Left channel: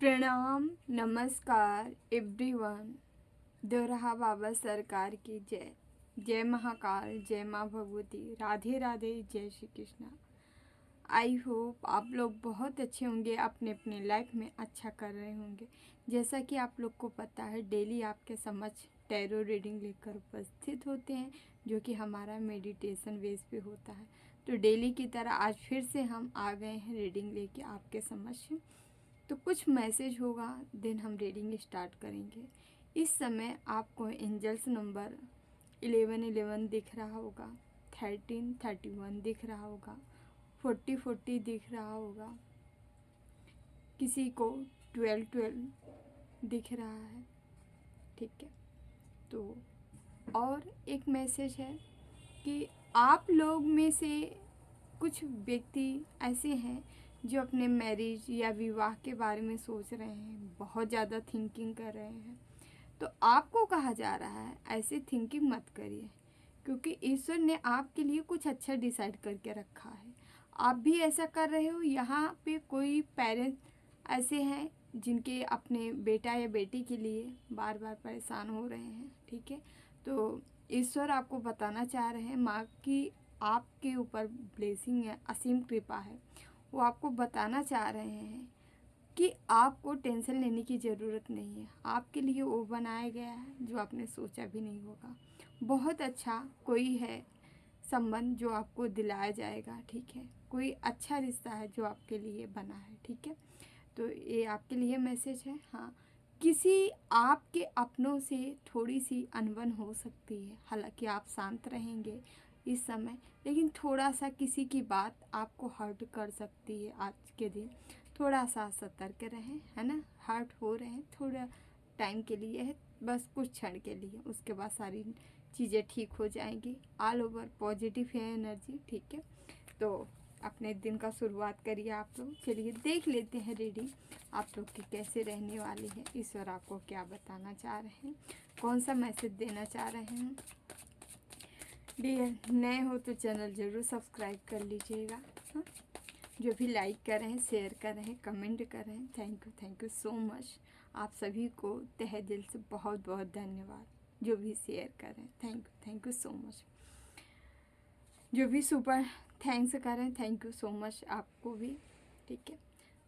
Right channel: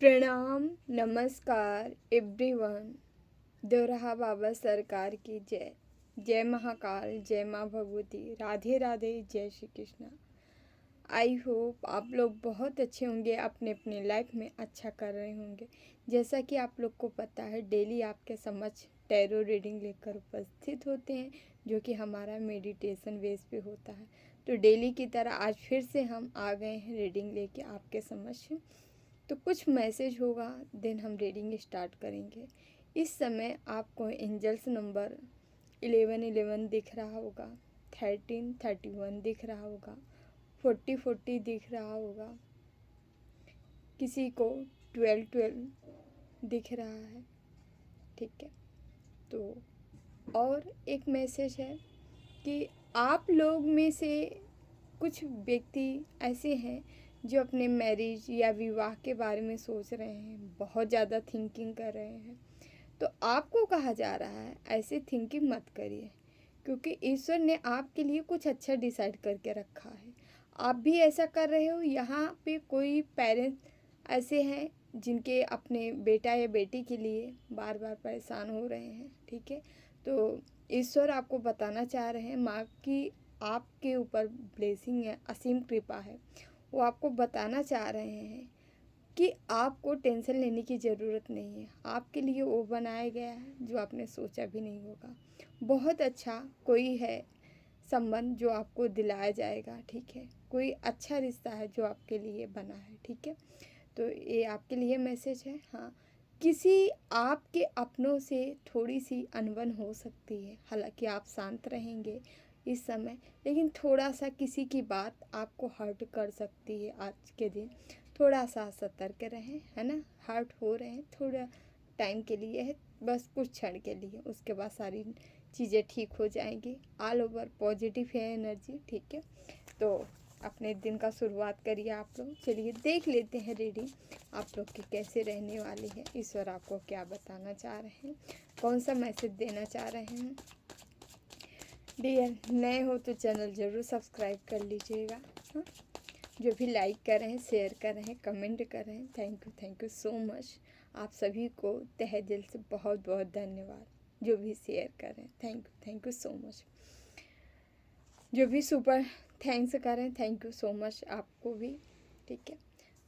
प्रणाम, नमस्कार एवरीवन। दोरहा बाबा सरकार की जय। जय महाकाल, जय माँ भगवती, राधे राधे, जय श्री कृष्णा। आई होप आप लोग बहुत अच्छे होंगे, अपने अपने लाइफ में अच्छा कर रहे होंगे। जैसा कि आप लोग को पता है, डेली आपके समक्ष टैरो रीडिंग लेकर उपस्थित होते हैं, जो कि हमारा मेडिटेशन बेस पे होता है। तो डेली की तरह आज फिर से हम आ गए हैं रीडिंग लेके आपके समक्ष। तो कुछ मैसेज होगा, देन हम रीडिंग स्टार्ट करेंगे। इस समय आपको एंजल्स नंबर 1111 दिख रहा होगा, 1331 दिख रहा होगा, 4040 दिख रहा होगा, किसी को 1212 दिख रहा है। ठीक है, तो और एक मैसेज है कि आप लोग में से कुछ व्यक्ति ऐसे हैं जो अपने मैरिज या विवाह के बारे में सोच रहे हैं, बहुत ज़्यादा थिंकिंग कर रहे हैं। तो आपको कहा जा रहा है ऐसे थिंकिंग मत करिए, क्योंकि ईश्वर ने आपके लिए कुछ अच्छा डिसाइड करके रखा है। आप भी ऐसा कर रहे हो। यहाँ पे कोई पेरेंट्स ऐसे हैं जिनके अपने बेटा या बेटी के लिए बार बार परेशान हो रहे हैं। ठीक है, तो ईश्वर आपको बताना चाह रहे हैं, माँ की आपके ऊपर ब्लेसिंग है, असीम कृपा है। वो आपको बताना चाह रहे हैं कि आपको टेंशन लेने की ज़रूरत नहीं है। आपके लिए वो बनाया गया है जो आपने सोचा भी नहीं होगा। बहुत अच्छा कोई है संबंध जो आपको दिलाया जाएगा। ठीक है, कोई अच्छा रिश्ता है जो आपके लिए बना है। ठीक है, तो ये आपके लिए मैसेज है। हाँ, किसी आपके अपनों से थोड़ी सी अनबन हो सकती है। हालांकि आप शांत रहेंगे इस समय, लेकिन थोड़ा सा किसी की बात आपको हर्ट कर सकती है। आज के दिन थोड़ा सा सतर्क रहें, है ना। हर्ट हो रहे हैं, थोड़ा टाइम के लिए है, बस कुछ क्षण के लिए, उसके बाद सारी चीज़ें ठीक हो जाएंगी। ऑल ओवर पॉजिटिव है एनर्जी। ठीक है, तो अपने दिन का शुरुआत करिए आप लोग। चलिए देख लेते हैं रीडिंग आप लोग की कैसे रहने वाली है, ईश्वर आपको क्या बताना चाह रहे हैं, कौन सा मैसेज देना चाह रहे हैं। डियर, नए हो तो चैनल ज़रूर सब्सक्राइब कर लीजिएगा। हाँ, जो भी लाइक कर रहे हैं, शेयर कर रहे हैं, कमेंट कर रहे हैं, थैंक यू सो मच। आप सभी को तहे दिल से बहुत बहुत धन्यवाद। जो भी शेयर कर रहे हैं, थैंक यू सो मच। जो भी सुपर थैंक्स कर रहे हैं, थैंक यू सो मच आपको भी। ठीक है,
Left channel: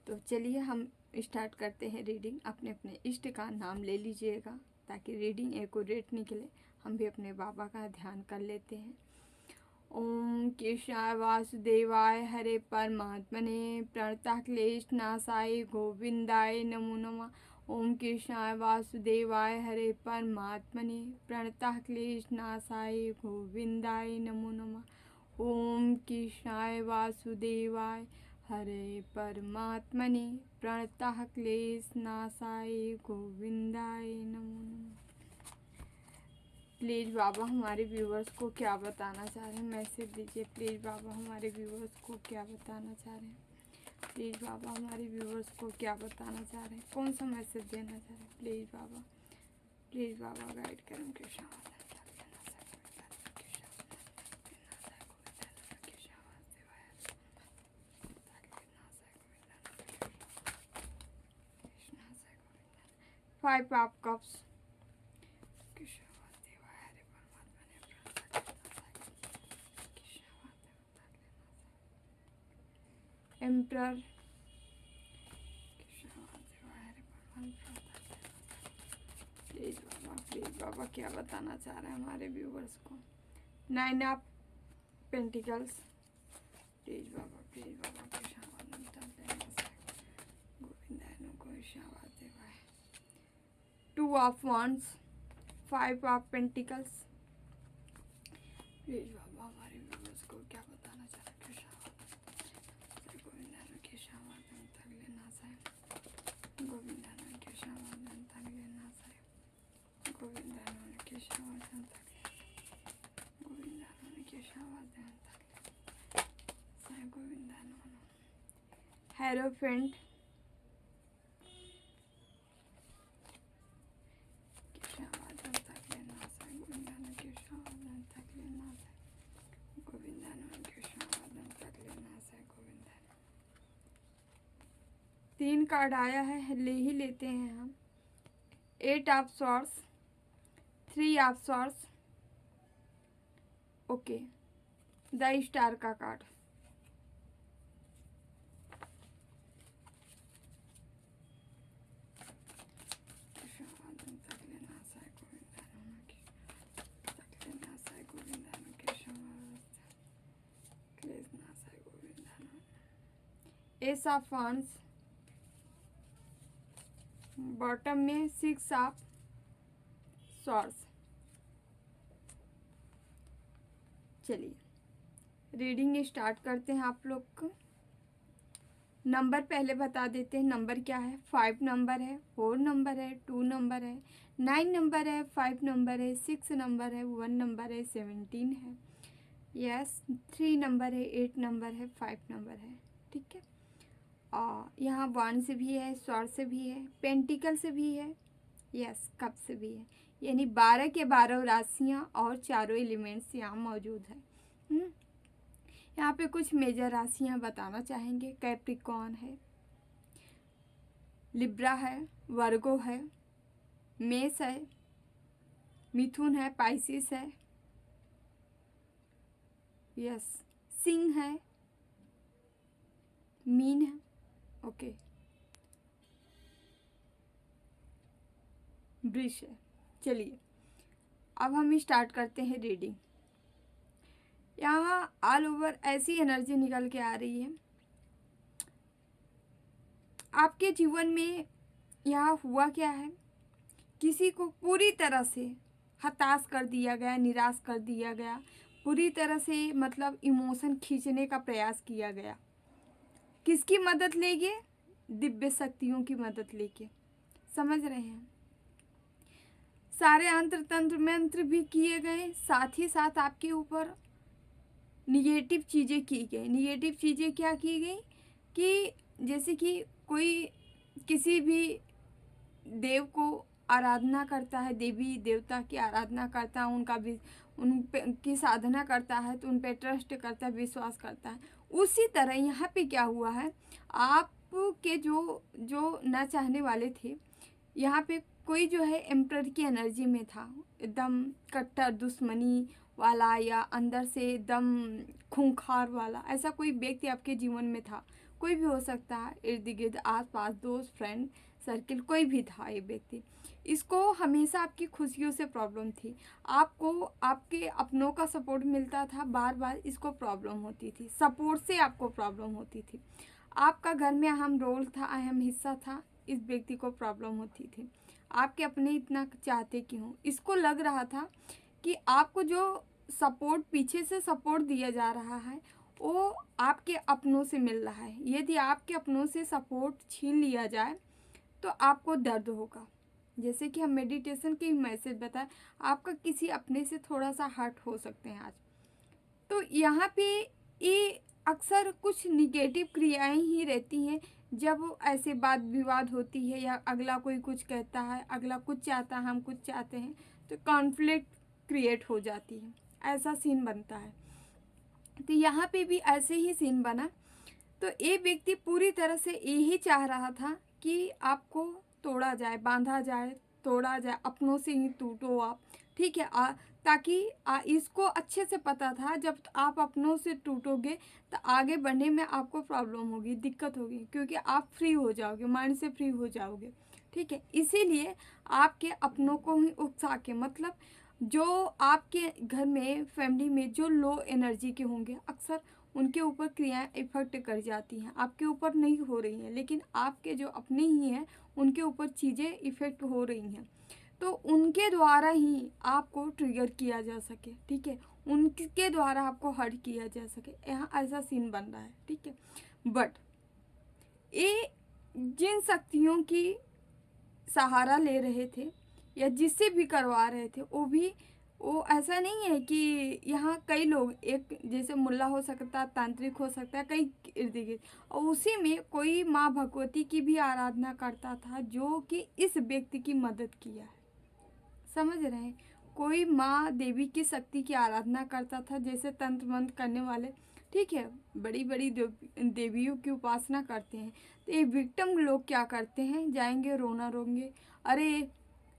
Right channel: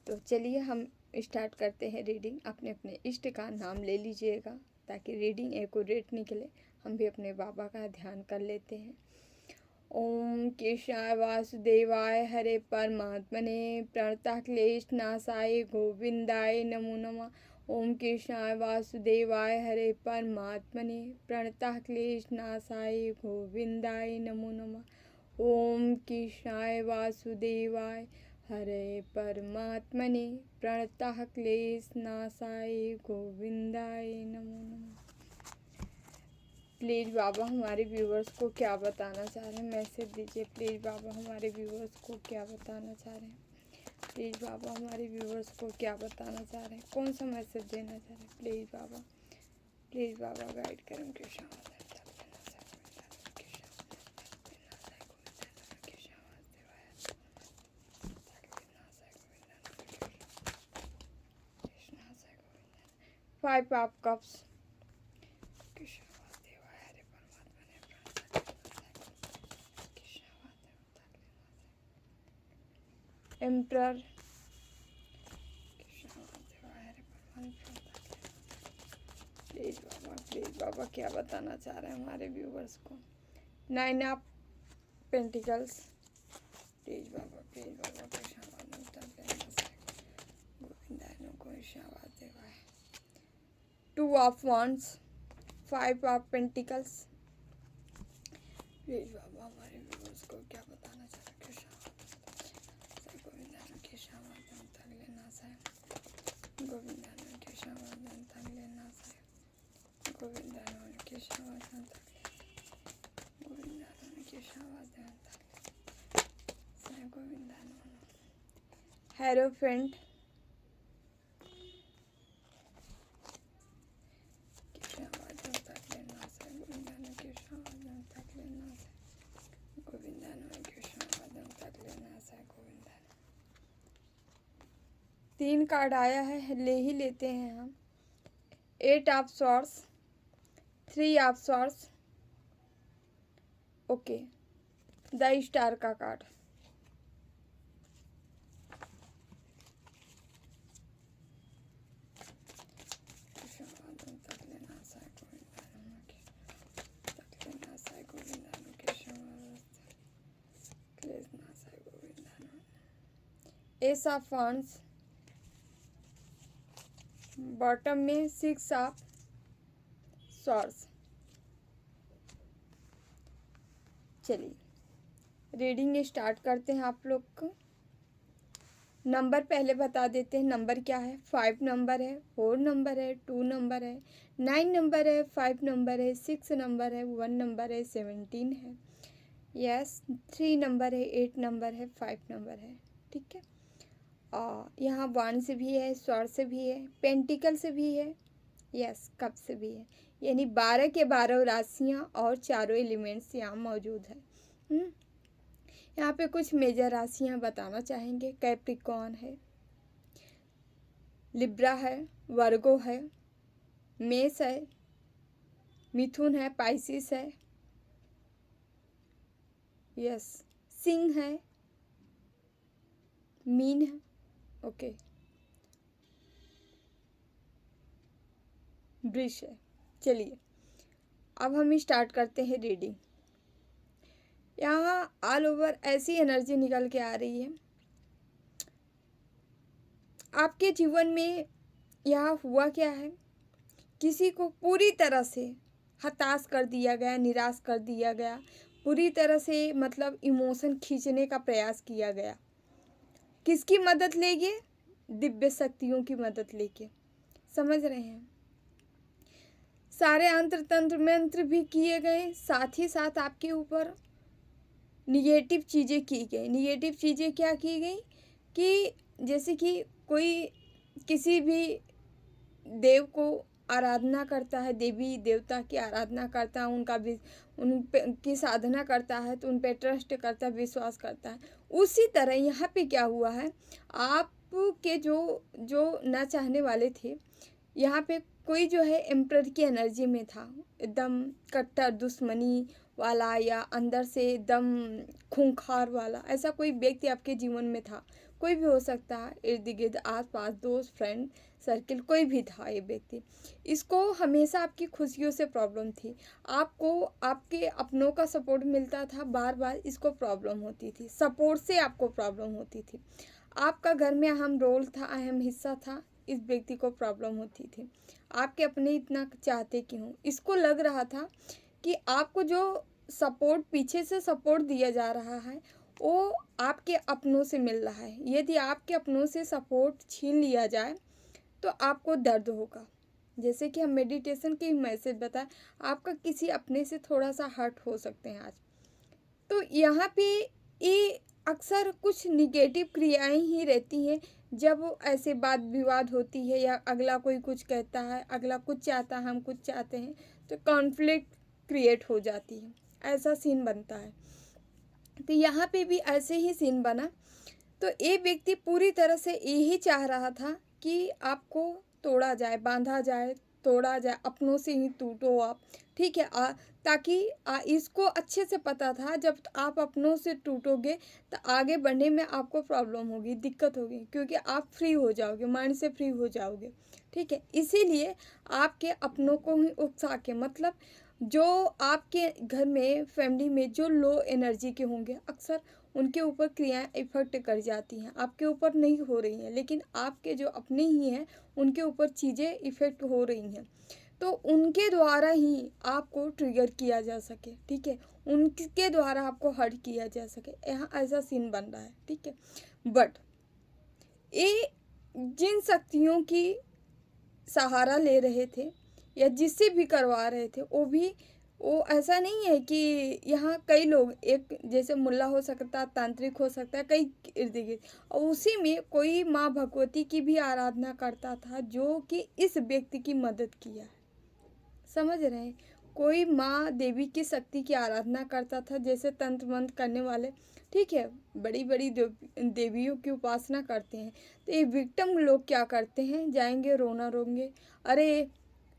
तो चलिए हम स्टार्ट करते हैं रीडिंग। अपने अपने इष्ट का नाम ले लीजिएगा ताकि रीडिंग एक्यूरेट निकले। हम भी अपने बाबा का ध्यान कर लेते हैं। ओम केशवाय वासुदेवाय हरे परमात्मने प्रणतः क्लेश नाशाय गोविंदाय नमो नमः। ओम केशवाय वासुदेवाय हरे परमात्मने प्रणतः क्लेश नाशाय गोविंदाय नमो नमः। ओम केशवाय वासुदेवाय हरे परमात्मने प्रणतः क्लेश नाशाय गोविंदाय नमो नमः। प्लीज़ बाबा हमारे व्यूवर्स को क्या बताना चाह रहे हैं, मैसेज दीजिए। प्लीज़ बाबा हमारे व्यूवर्स को क्या बताना चाह रहे हैं। प्लीज़ बाबा हमारे व्यूवर्स को क्या बताना चाह रहे हैं, कौन सा मैसेज देना चाह रहे हैं। प्लीज़ बाबा गाइड करें। Krishna five of cups. Emperor. Please बाबा क्या बताना चाह रहे हैं हमारे व्यूवर्स को। 9 ऑफ पेंटिकल्स। प्लीज़ बाबा Govinda. 2 of wands, 5 of pentacles. Please बाबा हमारे व्यूवर्स को क्या बताना चाह रहे हैं। हेलो फ्रेंड, 3 कार्ड आया है, ले ही लेते हैं हम। 8 of swords, 3 of swords, okay, the star का card. Ace of wands, bottom में 6 ऑफ सॉर्ड्स। चलिए रीडिंग स्टार्ट करते हैं आप लोग को। नंबर पहले बता देते हैं, नंबर क्या है। 5 नंबर है, 4 नंबर है, 2 नंबर है, 9 नंबर है, 5 नंबर है, 6 नंबर है, 1 नंबर है, 17 है, यस 3 नंबर है, 8 नंबर है, 5 नंबर है, ठीक है। यहाँ वन से भी है, स्वॉर्ड से भी है, पेंटिकल से भी है, यस कप से भी है। यानी 12 के 12 राशियाँ और चारों एलिमेंट्स यहाँ मौजूद है। यहाँ पे कुछ मेजर राशियाँ बताना चाहेंगे। कैप्रिकॉर्न है, लिब्रा है, वर्गो है, मेष है, मिथुन है, पाइसिस है, यस सिंह है, मीन है, ओके, वृष है। चलिए अब हम स्टार्ट करते हैं रीडिंग। यहाँ ऑल ओवर ऐसी एनर्जी निकल के आ रही है। आपके जीवन में यहाँ हुआ क्या है, किसी को पूरी तरह से हताश कर दिया गया, निराश कर दिया गया, पूरी तरह से मतलब इमोशन खींचने का प्रयास किया गया। किसकी मदद लेके? दिव्य शक्तियों की मदद लेके, समझ रहे हैं। सारे अंतर तंत्र मंत्र भी किए गए, साथ ही साथ आपके ऊपर निगेटिव चीज़ें की गई। निगेटिव चीज़ें क्या की गई कि जैसे कि कोई किसी भी देव को आराधना करता है, देवी देवता की आराधना करता है, उनका भी उनकी साधना करता है, तो उन पे ट्रस्ट करता है, विश्वास करता है। उसी तरह यहाँ पे क्या हुआ है, आपके जो जो न चाहने वाले थे, यहाँ पे कोई जो है एम्परर की एनर्जी में था, एकदम कट्टर दुश्मनी वाला या अंदर से एकदम खूंखार वाला, ऐसा कोई व्यक्ति आपके जीवन में था। कोई भी हो सकता है, इर्द गिर्द आस पास दोस्त फ्रेंड सर्किल कोई भी था ये व्यक्ति। इसको हमेशा आपकी खुशियों से प्रॉब्लम थी, आपको आपके अपनों का सपोर्ट मिलता था, बार बार इसको प्रॉब्लम होती थी, सपोर्ट से आपको प्रॉब्लम होती थी। आपका घर में अहम रोल था, अहम हिस्सा था, इस व्यक्ति को प्रॉब्लम होती थी। आपके अपने इतना चाहते क्यों, इसको लग रहा था कि आपको जो सपोर्ट पीछे से सपोर्ट दिया जा रहा है वो आपके अपनों से मिल रहा है। यदि आपके अपनों से सपोर्ट छीन लिया जाए तो आपको दर्द होगा। जैसे कि हम मेडिटेशन के मैसेज बताएं, आपका किसी अपने से थोड़ा सा हर्ट हो सकते हैं आज। तो यहाँ पे ये अक्सर कुछ निगेटिव क्रियाएं ही रहती हैं। जब ऐसे वाद विवाद होती है या अगला कोई कुछ कहता है, अगला कुछ चाहता है, हम कुछ चाहते हैं, तो कॉन्फ्लिक्ट क्रिएट हो जाती है, ऐसा सीन बनता है। तो यहाँ पे भी ऐसे ही सीन बना। तो ये व्यक्ति पूरी तरह से यही चाह रहा था कि आपको तोड़ा जाए, बांधा जाए, तोड़ा जाए, अपनों से ही टूटो आप, ठीक है। ताकि इसको अच्छे से पता था जब आप अपनों से टूटोगे तो आगे बढ़ने में आपको प्रॉब्लम होगी, दिक्कत होगी, क्योंकि आप फ्री हो जाओगे, माइंड से फ्री हो जाओगे, ठीक है। इसीलिए आपके अपनों को ही उकसा के, मतलब जो आपके घर में फैमिली में जो लो एनर्जी के होंगे, अक्सर उनके ऊपर क्रियाएं इफेक्ट कर जाती हैं, आपके ऊपर नहीं हो रही हैं, लेकिन आपके जो अपने ही हैं उनके ऊपर चीज़ें इफेक्ट हो रही हैं। तो उनके द्वारा ही आपको ट्रिगर किया जा सके, ठीक है, उनके द्वारा आपको हर्ट किया जा सके, यहाँ ऐसा सीन बन रहा है, ठीक है। बट ये जिन शक्तियों की सहारा ले रहे थे या जिससे भी करवा रहे थे, वो ऐसा नहीं है कि यहाँ कई लोग, एक जैसे मुल्ला हो सकता है, तांत्रिक हो सकता है, कई इर्द गिर्द, और उसी में कोई माँ भगवती की भी आराधना करता था जो कि इस व्यक्ति की मदद किया है, समझ रहे हैं। कोई माँ देवी की शक्ति की आराधना करता था, जैसे तंत्र मंत्र करने वाले ठीक है, बड़ी बड़ी देवियों की उपासना करते हैं। तो ये विक्टिम लोग क्या करते हैं, जाएंगे रोना रोंगे, अरे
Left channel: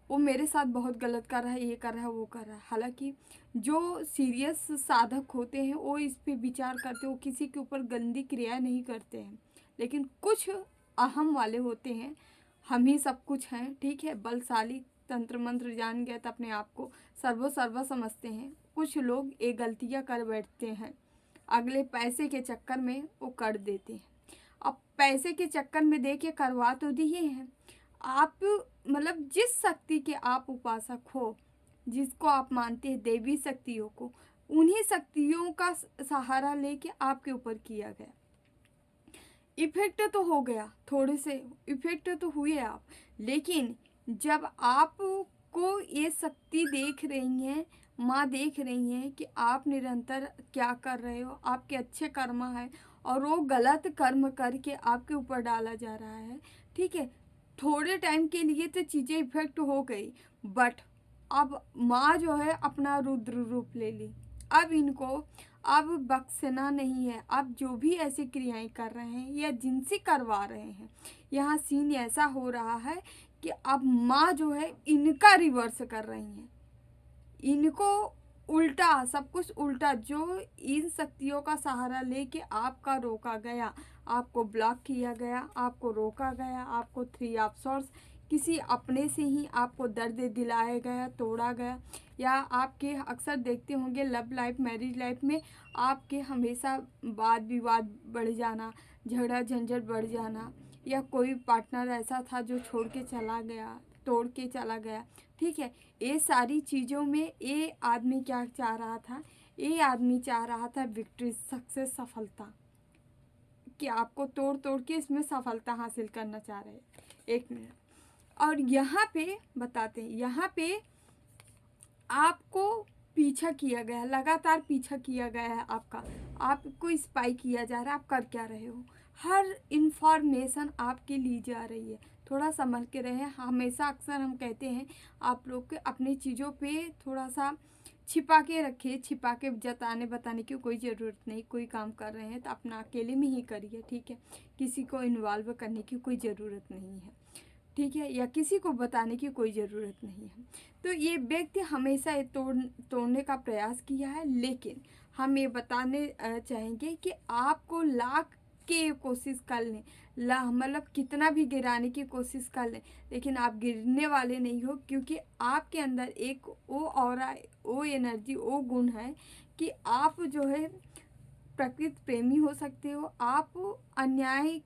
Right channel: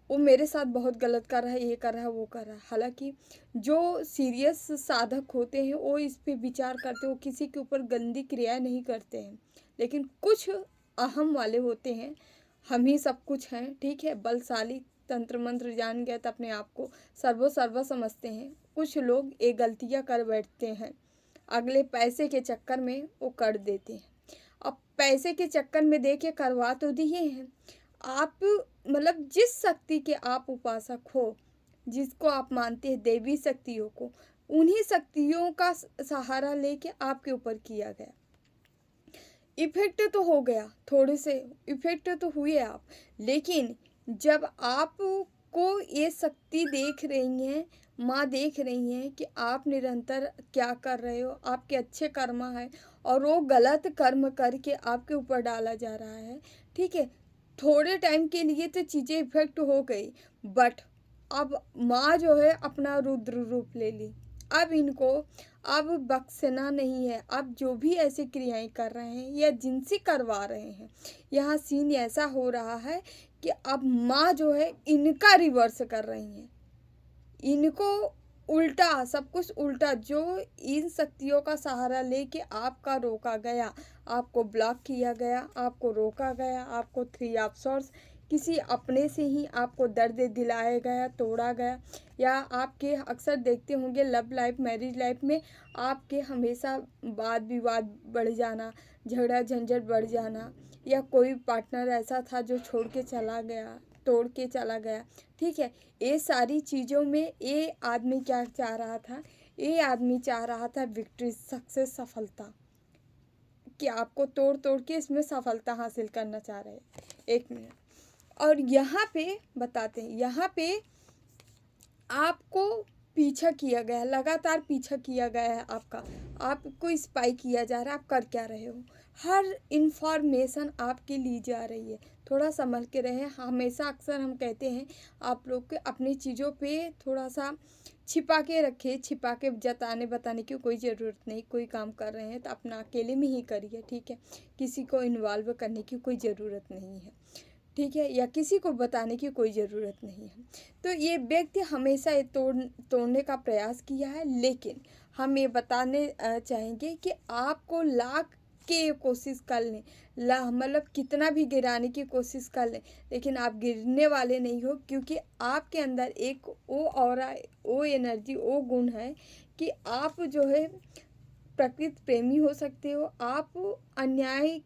वो मेरे साथ बहुत गलत कर रहा है, ये कर रहा है, वो कर रहा है। हालांकि जो सीरियस साधक होते हैं वो इस पे विचार करते हैं, वो किसी के ऊपर गंदी क्रियाएं नहीं करते हैं। लेकिन कुछ अहम वाले होते हैं, हम ही सब कुछ हैं, ठीक है, बलशाली, तंत्र मंत्र जान गए तो अपने आप को सर्व समझते हैं। कुछ लोग ये गलतियां कर बैठते हैं, अगले पैसे के चक्कर में वो कर देते हैं। अब पैसे के चक्कर में देखिए करवा तो दिए हैं आप, मतलब जिस शक्ति के आप उपासक हो, जिसको आप मानते हैं देवी शक्तियों को, उन्हीं शक्तियों का सहारा लेके आपके ऊपर किया गया। इफेक्ट तो हो गया, थोड़े से इफेक्ट तो हुए आप, लेकिन जब आपको ये शक्ति देख रही हैं, माँ देख रही हैं कि आप निरंतर क्या कर रहे हो, आपके अच्छे कर्म है और वो गलत कर्म करके आपके ऊपर डाला जा रहा है, ठीक है, थोड़े टाइम के लिए तो चीज़ें इफेक्ट हो गई, बट अब माँ जो है अपना रुद्र रूप ले ली। अब इनको अब बख्शना नहीं है। अब जो भी ऐसी क्रियाएं कर रहे हैं या जिनसे करवा रहे हैं, यहाँ सीन ऐसा हो रहा है कि अब माँ जो है इनका रिवर्स कर रही हैं, इनको उल्टा, सब कुछ उल्टा, जो इन शक्तियों का सहारा लेके आपका रोका गया, आपको ब्लॉक किया गया, आपको रोका गया, आपको 3 ऑफ सॉर्ड्स किसी अपने से ही आपको दर्द दिलाया गया, तोड़ा गया। या आपके अक्सर देखते होंगे लव लाइफ, मैरिज लाइफ में आपके हमेशा वाद विवाद बढ़ जाना, झगड़ा झंझट बढ़ जाना, या कोई पार्टनर ऐसा था जो छोड़ के चला गया, तोड़ के चला गया, ठीक है। ये सारी चीज़ों में ये आदमी क्या चाह रहा था, ये आदमी चाह रहा था विक्ट्री, सक्सेस, सफलता, कि आपको तोड़ तोड़ के इसमें सफलता हासिल करना चाह रहे हैं। 1 मिनट, और यहाँ पे बताते हैं, यहाँ पे आपको पीछा किया गया, लगातार पीछा किया गया है आपका, आपको स्पाई किया जा रहा है, आप कर क्या रहे हो, हर इंफॉर्मेशन आपकी ली जा रही है। थोड़ा संभल के रहें। हमेशा अक्सर हम कहते हैं आप लोग के अपनी चीज़ों पे थोड़ा सा छिपा के रखिए, छिपा के जताने बताने की कोई ज़रूरत नहीं। कोई काम कर रहे हैं तो अपना अकेले में ही करिए, ठीक है, किसी को इन्वॉल्व करने की कोई ज़रूरत नहीं है, ठीक है, या किसी को बताने की कोई ज़रूरत नहीं है। तो ये व्यक्ति हमेशा ये तोड़ने का प्रयास किया है, लेकिन हम ये बताने चाहेंगे कि आपको लाख के कोशिश कर लें, मतलब कितना भी गिराने की कोशिश कर लें, लेकिन आप गिरने वाले नहीं हो, क्योंकि आपके अंदर एक वो ऑरा, वो एनर्जी, वो गुण है कि आप जो है प्रकृति प्रेमी हो सकते हो। आप अन्याय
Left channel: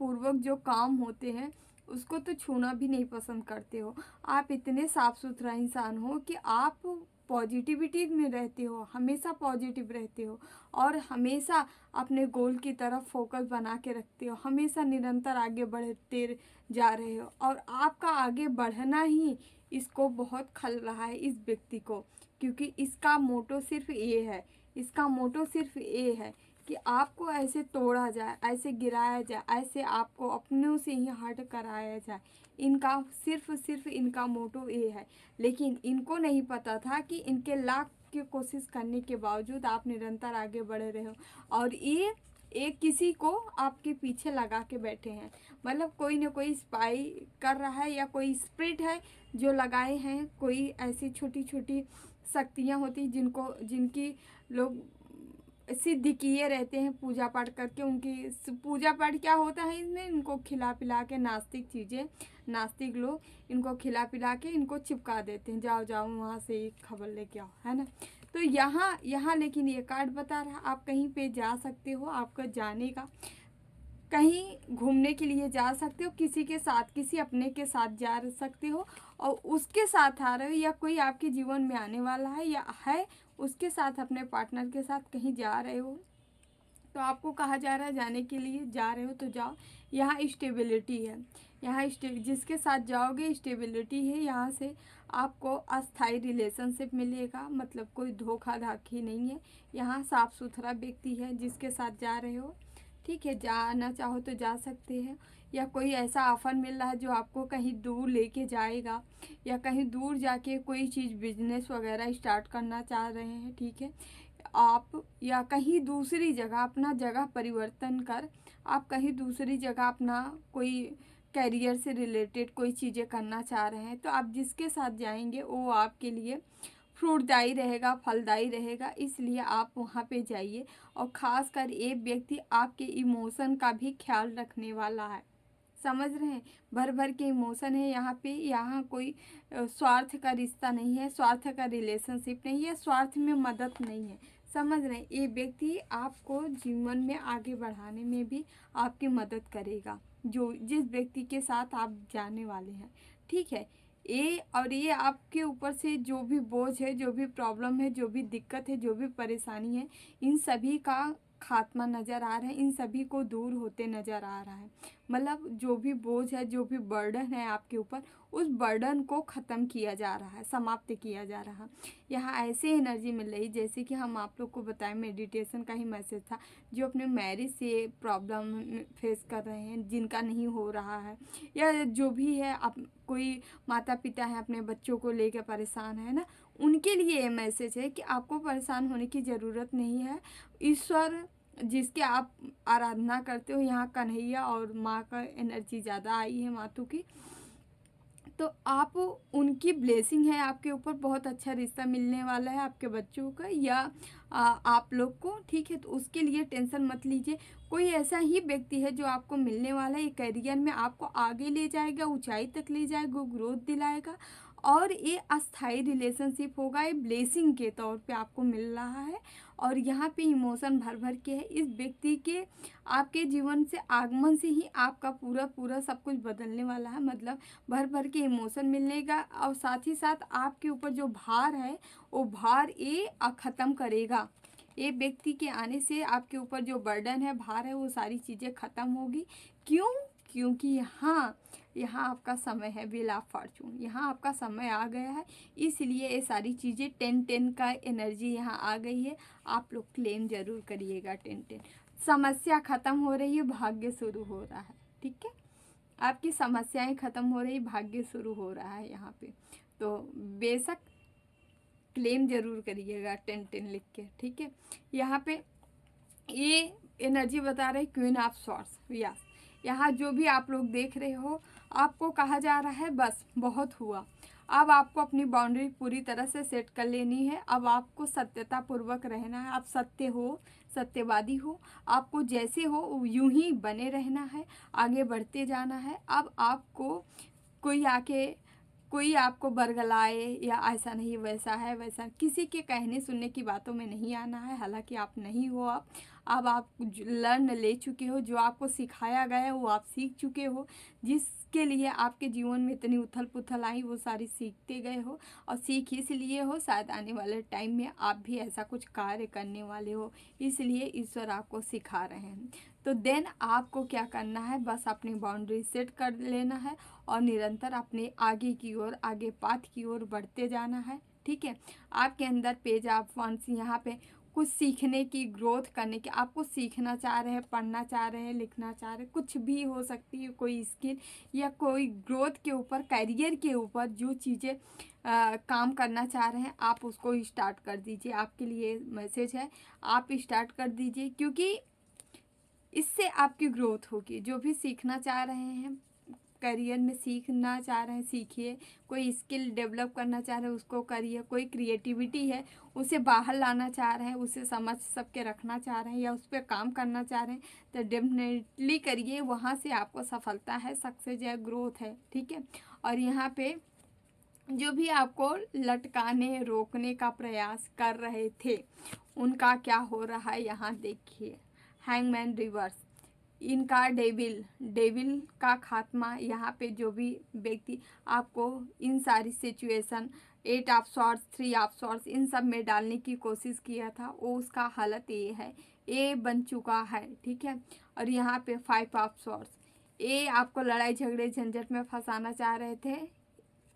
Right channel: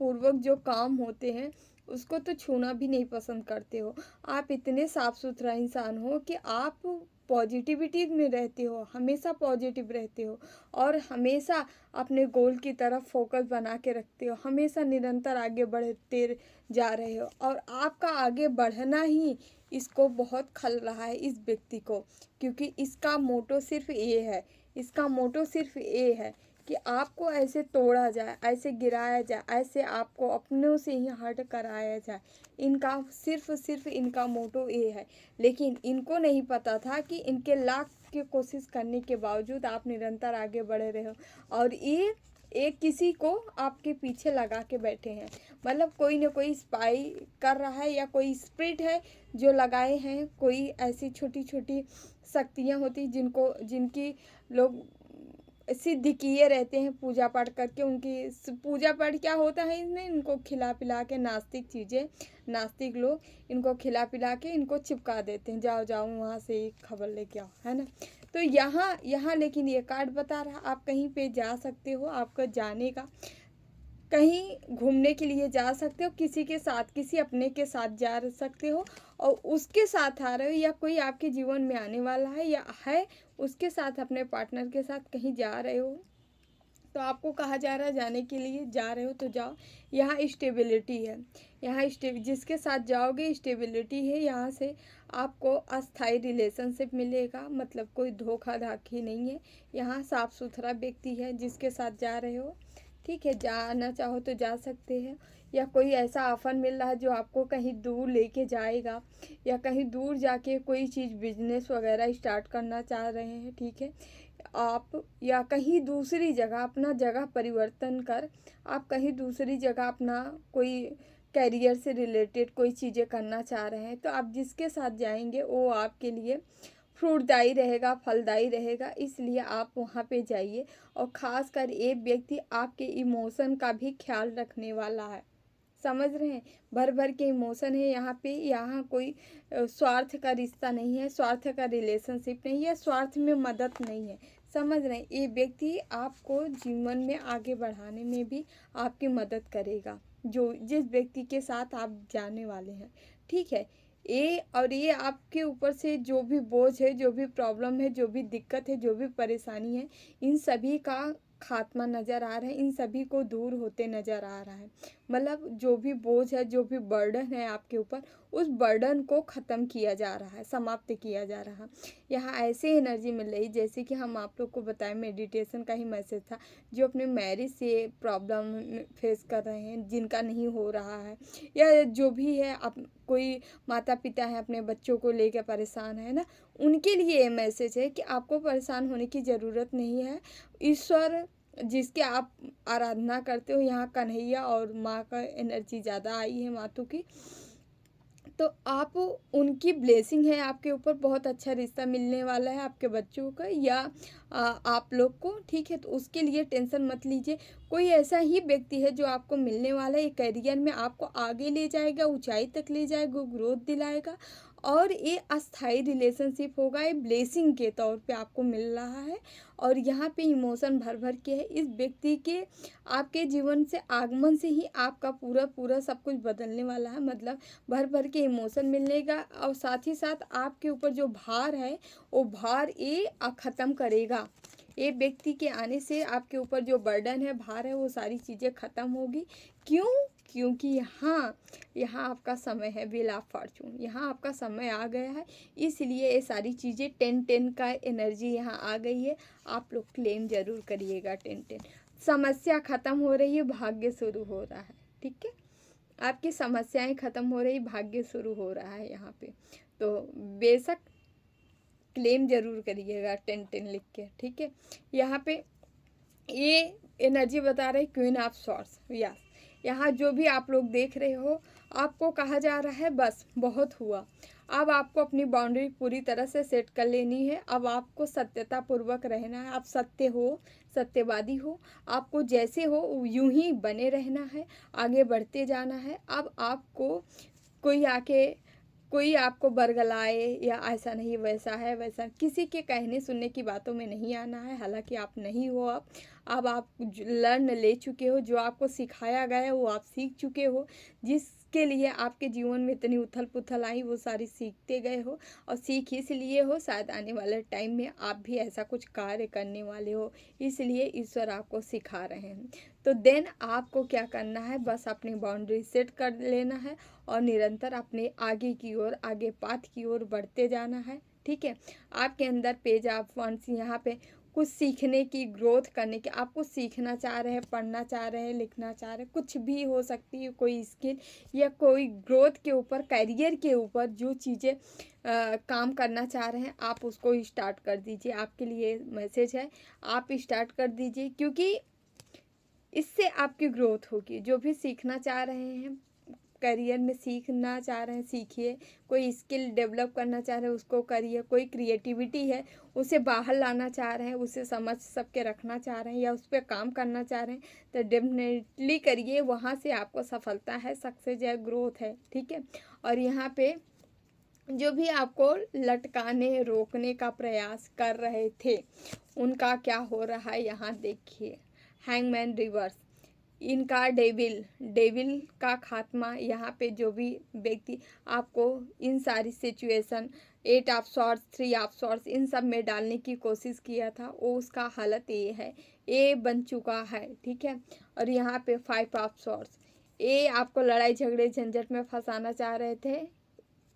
पूर्वक जो काम होते हैं उसको तो छूना भी नहीं पसंद करते हो। आप इतने साफ सुथरा इंसान हो कि आप पॉजिटिविटी में रहते हो, हमेशा पॉजिटिव रहते हो और हमेशा अपने गोल की तरफ फोकस बना के रखते हो, हमेशा निरंतर आगे बढ़ते जा रहे हो। और आपका आगे बढ़ना ही इसको बहुत खल रहा है, इस व्यक्ति को, क्योंकि इसका मोटो सिर्फ ये है, इसका मोटो सिर्फ ये है कि आपको ऐसे तोड़ा जाए, ऐसे गिराया जाए, ऐसे आपको अपनों से ही हट कराया जाए। इनका सिर्फ इनका मोटो ये है। लेकिन इनको नहीं पता था कि इनके लाख की कोशिश करने के बावजूद आप निरंतर आगे बढ़ रहे हो, और ये एक किसी को आपके पीछे लगा के बैठे हैं, मतलब कोई ना कोई स्पाई कर रहा है, या कोई स्पिरिट है जो लगाए हैं। कोई ऐसी छोटी छोटी शक्तियाँ होती जिनकी लोग सिद्ध किए रहते हैं पूजा पाठ करके। उनकी पूजा पाठ क्या होता है, इसमें इनको खिला पिला के, नास्तिक चीज़ें, नास्तिक लोग इनको खिला पिला के इनको चिपका देते हैं, जाओ जाओ वहाँ से एक खबर लेके आओ, है ना। तो यहाँ लेकिन ये कार्ड बता रहा, आप कहीं पे जा सकते हो, आपका जाने का, कहीं घूमने के लिए जा सकते हो, किसी के साथ, किसी अपने के साथ जा सकते हो, और उसके साथ आ रहे हो, या कोई आपके जीवन में आने वाला है या है, उसके साथ, अपने पार्टनर के साथ कहीं जा रहे हो, तो आपको कहा जा रहा है जाने के लिए, जा रहे हो तो जाओ। यहाँ स्टेबिलिटी है, यहाँ जिसके साथ जाओगे स्टेबिलिटी है, यहाँ से आपको अस्थाई रिलेशनशिप मिलेगा, मतलब कोई धोखा धाखी नहीं है। यहाँ साफ सुथरा व्यक्ति है जिसके साथ जा रहे हो, ठीक है, जाना चाहो तो जा सकते हैं। या कोई ऐसा ऑफर मिल रहा है जो आपको कहीं दूर लेके जाएगा, या कहीं दूर जाके कोई चीज़ बिजनेस वगैरह स्टार्ट करना चाह रहे हैं, ठीक है, आप या कहीं दूसरी जगह अपना जगह परिवर्तन कर आप कहीं दूसरी जगह अपना कोई करियर से रिलेटेड कोई चीज़ें करना चाह रहे हैं, तो आप जिसके साथ जाएंगे वो आपके लिए फ्रूटदायी रहेगा, फलदायी रहेगा, इसलिए आप वहाँ पे जाइए। और ख़ासकर एक व्यक्ति आपके इमोशन का भी ख्याल रखने वाला है, समझ रहे हैं। भर भर के इमोशन है यहाँ पे। यहाँ कोई स्वार्थ का रिश्ता नहीं है, स्वार्थ का रिलेशनशिप नहीं है, स्वार्थ में मदद नहीं है, समझ रहे हैं। ये व्यक्ति आपको जीवन में आगे बढ़ाने में भी आपकी मदद करेगा, जो जिस व्यक्ति के साथ आप जाने वाले हैं, ठीक है। ये आपके ऊपर से जो भी बोझ है, जो भी प्रॉब्लम है, जो भी दिक्कत है, जो भी परेशानी है, इन सभी का खात्मा नज़र आ रहा है, इन सभी को दूर होते नज़र आ रहा है। मतलब जो भी बोझ है, जो भी बर्डन है आपके ऊपर, उस बर्डन को ख़त्म किया जा रहा है, समाप्त किया जा रहा है। यहाँ ऐसे एनर्जी मिल रही जैसे कि हम आप लोग को बताएं, मेडिटेशन का ही मैसेज था। जो अपने मैरिज से प्रॉब्लम फेस कर रहे हैं, जिनका नहीं हो रहा है, या जो भी है, आप कोई माता पिता हैं अपने बच्चों को लेकर परेशान है ना, उनके लिए ये मैसेज है कि आपको परेशान होने की ज़रूरत नहीं है। ईश्वर जिसके आप आराधना करते हो, यहाँ कन्हैया और माँ का एनर्जी ज़्यादा आई है, मातू की, तो आप उनकी ब्लेसिंग है आपके ऊपर। बहुत अच्छा रिश्ता मिलने वाला है आपके बच्चों का या आप लोग को, ठीक है। तो उसके लिए टेंशन मत लीजिए। कोई ऐसा ही व्यक्ति है जो आपको मिलने वाला है, ये करियर में आपको आगे ले जाएगा, ऊंचाई तक ले जाएगा, ग्रोथ दिलाएगा, और ये अस्थाई रिलेशनशिप होगा, ये ब्लेसिंग के तौर पे आपको मिल रहा है। और यहाँ पे इमोशन भर भर के है। इस व्यक्ति के आपके जीवन से आगमन से ही आपका पूरा पूरा सब कुछ बदलने वाला है। मतलब भर भर के इमोशन मिलने का, और साथ ही साथ आपके ऊपर जो भार है वो भार ये ख़त्म करेगा। ये व्यक्ति के आने से आपके ऊपर जो बर्डन है, भार है, वो सारी चीज़ें ख़त्म होगी। क्यों? क्योंकि यहाँ आपका समय है, व्हील ऑफ फॉर्चून, यहाँ आपका समय आ गया है। इसलिए ये सारी चीज़ें 10-10 का एनर्जी यहाँ आ गई है। आप लोग क्लेम ज़रूर करिएगा 10-10। समस्या ख़त्म हो रही है, भाग्य शुरू हो रहा है, ठीक है। आपकी समस्याएं ख़त्म हो रही, भाग्य शुरू हो रहा है यहाँ पे। तो बेशक क्लेम ज़रूर करिएगा 10-10 लिख के, ठीक है। यहाँ पे ये एनर्जी बता रही क्वीन ऑफ सॉर्ड्स। यस, यहाँ जो भी आप लोग देख रहे हो, आपको कहा जा रहा है बस बहुत हुआ। अब आपको अपनी बाउंड्री पूरी तरह से सेट कर लेनी है। अब आपको सत्यता पूर्वक रहना है। आप सत्य हो, सत्यवादी हो, आपको जैसे हो यूं ही बने रहना है, आगे बढ़ते जाना है। अब आपको कोई आपको बरगलाए या ऐसा नहीं, वैसा है, वैसा, किसी के कहने सुनने की बातों में नहीं आना है। हालांकि आप नहीं हो, अब आप लर्न ले चुके हो, जो आपको सिखाया गया है वो आप सीख चुके हो। जिसके लिए आपके जीवन में इतनी उथल पुथल आई, वो सारी सीखते गए हो, और सीख इसलिए हो शायद आने वाले टाइम में आप भी ऐसा कुछ कार्य करने वाले हो, इसलिए ईश्वर आपको सिखा रहे हैं। तो देन आपको क्या करना है, बस अपनी बाउंड्री सेट कर लेना है और निरंतर अपने आगे की ओर, आगे पाथ की ओर बढ़ते जाना है, ठीक है। आपके अंदर पेज ऑफ वंस, यहाँ पे कुछ सीखने की, ग्रोथ करने की, आप कुछ सीखना चाह रहे हैं, पढ़ना चाह रहे हैं, लिखना चाह रहे हैं, कुछ भी हो सकती है, कोई स्किल या कोई ग्रोथ के ऊपर, करियर के ऊपर जो चीज़ें काम करना चाह रहे हैं, आप उसको स्टार्ट कर दीजिए। आपके लिए मैसेज है, आप स्टार्ट कर दीजिए, क्योंकि इससे आपकी ग्रोथ होगी। जो भी सीखना चाह रहे हैं, करियर में सीखना चाह रहे हैं, सीखिए। कोई स्किल डेवलप करना चाह रहे हैं, उसको करिए। कोई क्रिएटिविटी है, उसे बाहर लाना चाह रहे हैं, उसे समझ सबके रखना चाह रहे हैं, या उस पर काम करना चाह रहे हैं, तो डेफिनेटली करिए। वहाँ से आपको सफलता है, सक्सेस है, ग्रोथ है, ठीक है। और यहाँ पे जो भी आपको लटकाने, रोकने का प्रयास कर रहे थे, उनका क्या हो रहा है यहाँ देखिए। हैंगमैन रिवर्स, इनका डेविल का खात्मा। यहाँ पे जो भी व्यक्ति आपको इन सारी situation, 8 of swords, 3 of swords, इन सब में डालने की कोशिश किया था, वो उसका हालत ये है, ये बन चुका है, ठीक है। और यहाँ पे 5 ऑफ सॉर्ड्स, ये आपको लड़ाई झगड़े झंझट में फंसाना चाह रहे थे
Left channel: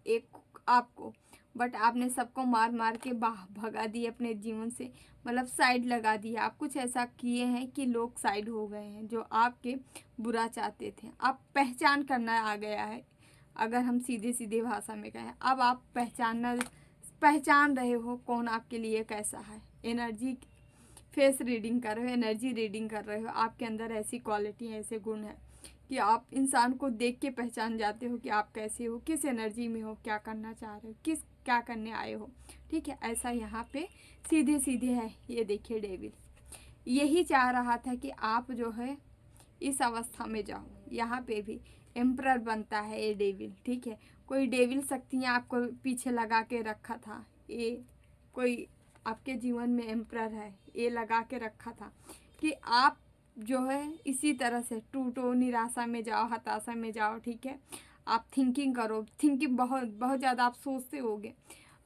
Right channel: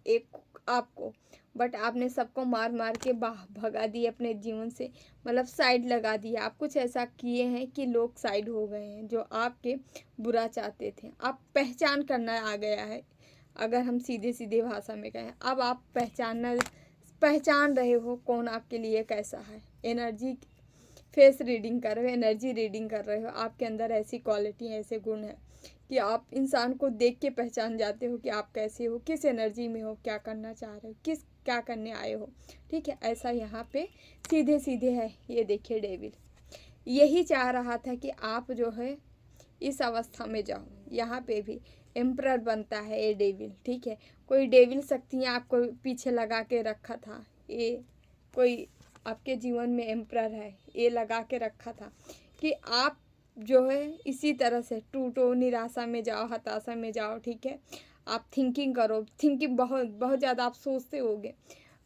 एक आपको, बट आपने सबको मार मार के भगा दिए अपने जीवन से, मतलब साइड लगा दिया। आप कुछ ऐसा किए हैं कि लोग साइड हो गए हैं, जो आपके बुरा चाहते थे। आप पहचान करना आ गया है, अगर हम सीधे सीधे भाषा में कहें, अब आप पहचान रहे हो कौन आपके लिए कैसा है। एनर्जी फेस रीडिंग कर रहे हो, एनर्जी रीडिंग कर रहे हो। आपके अंदर ऐसी क्वालिटी ऐसे गुण हैं कि आप इंसान को देख के पहचान जाते हो कि आप कैसे हो, किस एनर्जी में हो, क्या करना चाह रहे हो, क्या करने आए हो। ठीक है, ऐसा यहाँ पे सीधे सीधे है। ये देखिए डेविल यही चाह रहा था कि आप जो है इस अवस्था में जाओ। यहाँ पे भी एम्परर बनता है ये डेविल। ठीक है, कोई डेविल शक्तियाँ आपको पीछे लगा के रखा था, ये कोई आपके जीवन में एम्परर है, ये लगा के रखा था कि आप जो है इसी तरह से टूटो, निराशा में जाओ, हताशा में जाओ। ठीक है, आप थिंकिंग करो, थिंकिंग बहुत बहुत ज़्यादा आप सोचते होगे,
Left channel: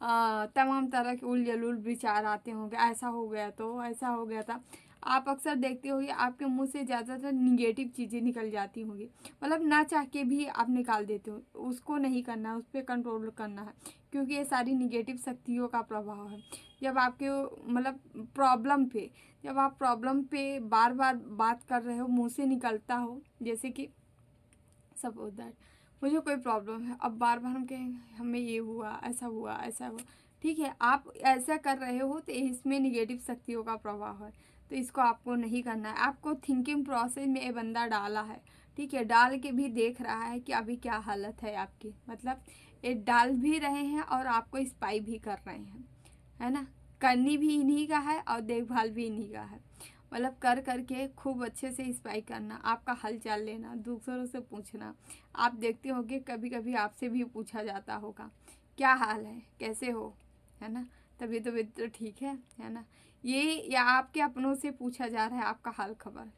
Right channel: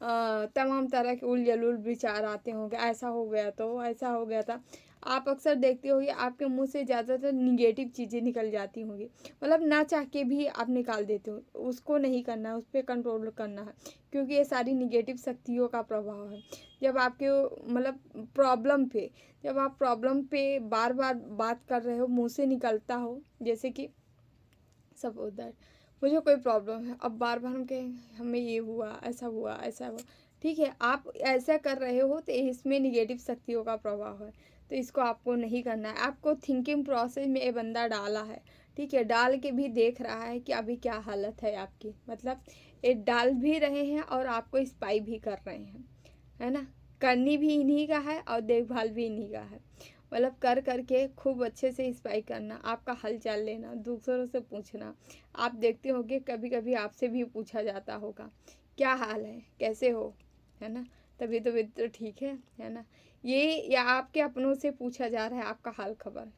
तमाम तरह के उलझुल विचार आते होंगे, ऐसा हो गया तो ऐसा हो गया था। आप अक्सर देखते होंगे आपके मुंह से ज़्यादातर निगेटिव चीज़ें निकल जाती होंगी, मतलब ना चाह के भी आप निकाल देते हो। उसको नहीं करना है, उस पर कंट्रोल करना है, क्योंकि ये सारी निगेटिव शक्तियों का प्रभाव है। जब आपके मतलब जब आप प्रॉब्लम पे बार बार बात कर रहे हो, मुंह से निकलता हो, जैसे कि सब उधर मुझे कोई प्रॉब्लम है, अब बार बार हम कहें हमें ये हुआ, ऐसा हुआ, ऐसा हुआ। ठीक है, आप ऐसा कर रहे हो तो इसमें निगेटिव शक्तियों का प्रभाव है, तो इसको आपको नहीं करना है। आपको थिंकिंग प्रोसेस में ये बंदा डाला है। ठीक है, डाल के भी देख रहा है कि अभी क्या हालत है आपकी, मतलब ये डाल भी रहे हैं और आपको स्पाई भी कर रहे हैं, है ना। करनी भी इन्हीं का है और देखभाल भी इन्हीं का है, मतलब कर करके खूब अच्छे से स्पाई करना, आपका हाल चाल लेना, दूसरों से पूछना। आप देखते होंगे कभी कभी आपसे भी पूछा जाता होगा क्या हाल है, कैसे हो, है ना, तबीयत तो ठीक है ना। ये या आपके अपनों से पूछा जा रहा है आपका हाल खबर,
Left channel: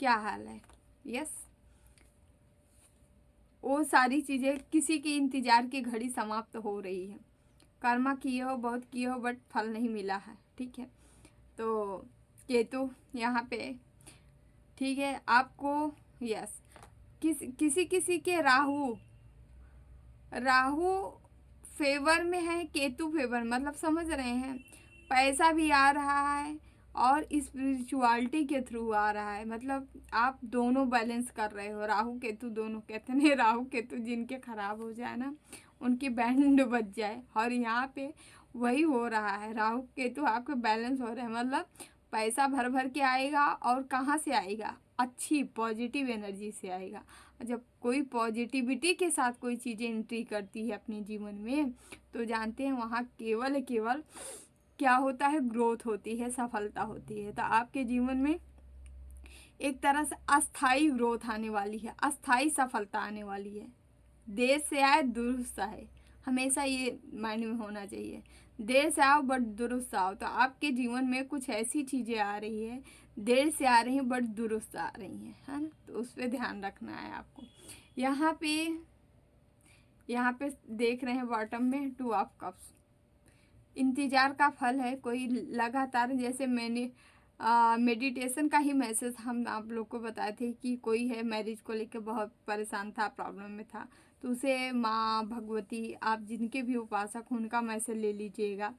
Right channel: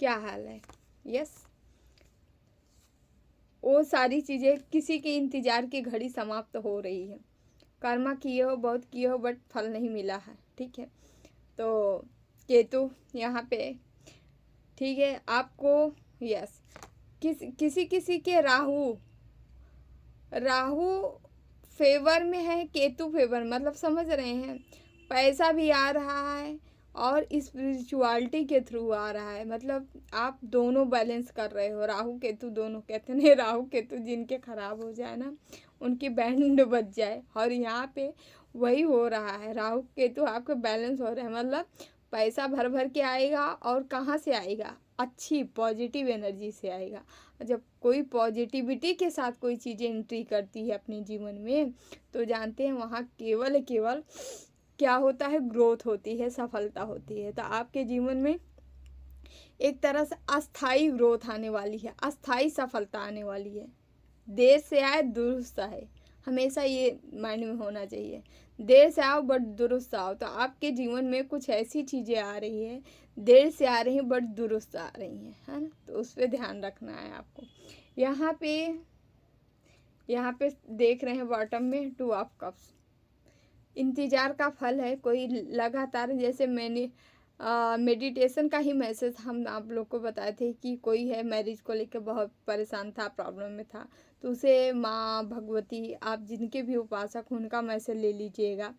क्या हाल है। यस, वो सारी चीज़ें किसी के इंतज़ार की घड़ी समाप्त हो रही है। कर्मा किए हो, बहुत किए हो, बट फल नहीं मिला है। ठीक है, तो केतु यहाँ पे, ठीक है, आपको यस किसी किसी के राहु राहु फेवर में है, केतु फेवर, मतलब समझ रहे हैं, पैसा भी आ रहा है और स्पिरिचुअलिटी के थ्रू आ रहा है, मतलब आप दोनों बैलेंस कर रहे हो। राहु केतु दोनों, कहते हैं राहु केतु जिनके खराब हो जाए ना, उनकी बैंड बज जाए, और यहाँ पे वही हो रहा है। राहु केतु आपके बैलेंस हो रहे हैं, मतलब पैसा भर भर के आएगा, और कहाँ से आएगा, अच्छी पॉजिटिव एनर्जी से आएगा। जब कोई पॉजिटिविटी के साथ कोई चीज़ें एंट्री करती है अपने जीवन में, तो जानते हैं वहाँ केवल केवल क्या होता है, ग्रोथ होती है, सफलता होती है। तो आपके जीवन में एक तरह से अस्थाई ग्रोथ आने वाली है, अस्थाई सफलता आने वाली है। देर से आए दुरुस्त आए, हमेशा ये माइंड में होना चाहिए। देर से आओ बट दुरुस्त आओ। तो आपके जीवन में कुछ ऐसी चीज़ें आ रही है, देर से आ रही हैं बट दुरुस्त आ रही हैं, है ना, तो उस पर ध्यान रखना है आपको। यहाँ पे देख रहे हैं बॉटम में 2 ऑफ कप्स, इंतज़ार का फल है। कोई लगातार, जैसे मैंने मेडिटेशन का ही मैसेज हम आप लोग को बताए थे कि कोई है मैरिज को लेकर बहुत परेशान था, प्रॉब्लम में था, तो उसे माँ भगवती, आप जिनके भी उपासक हो उनका मैसेज ले लीजिएगा।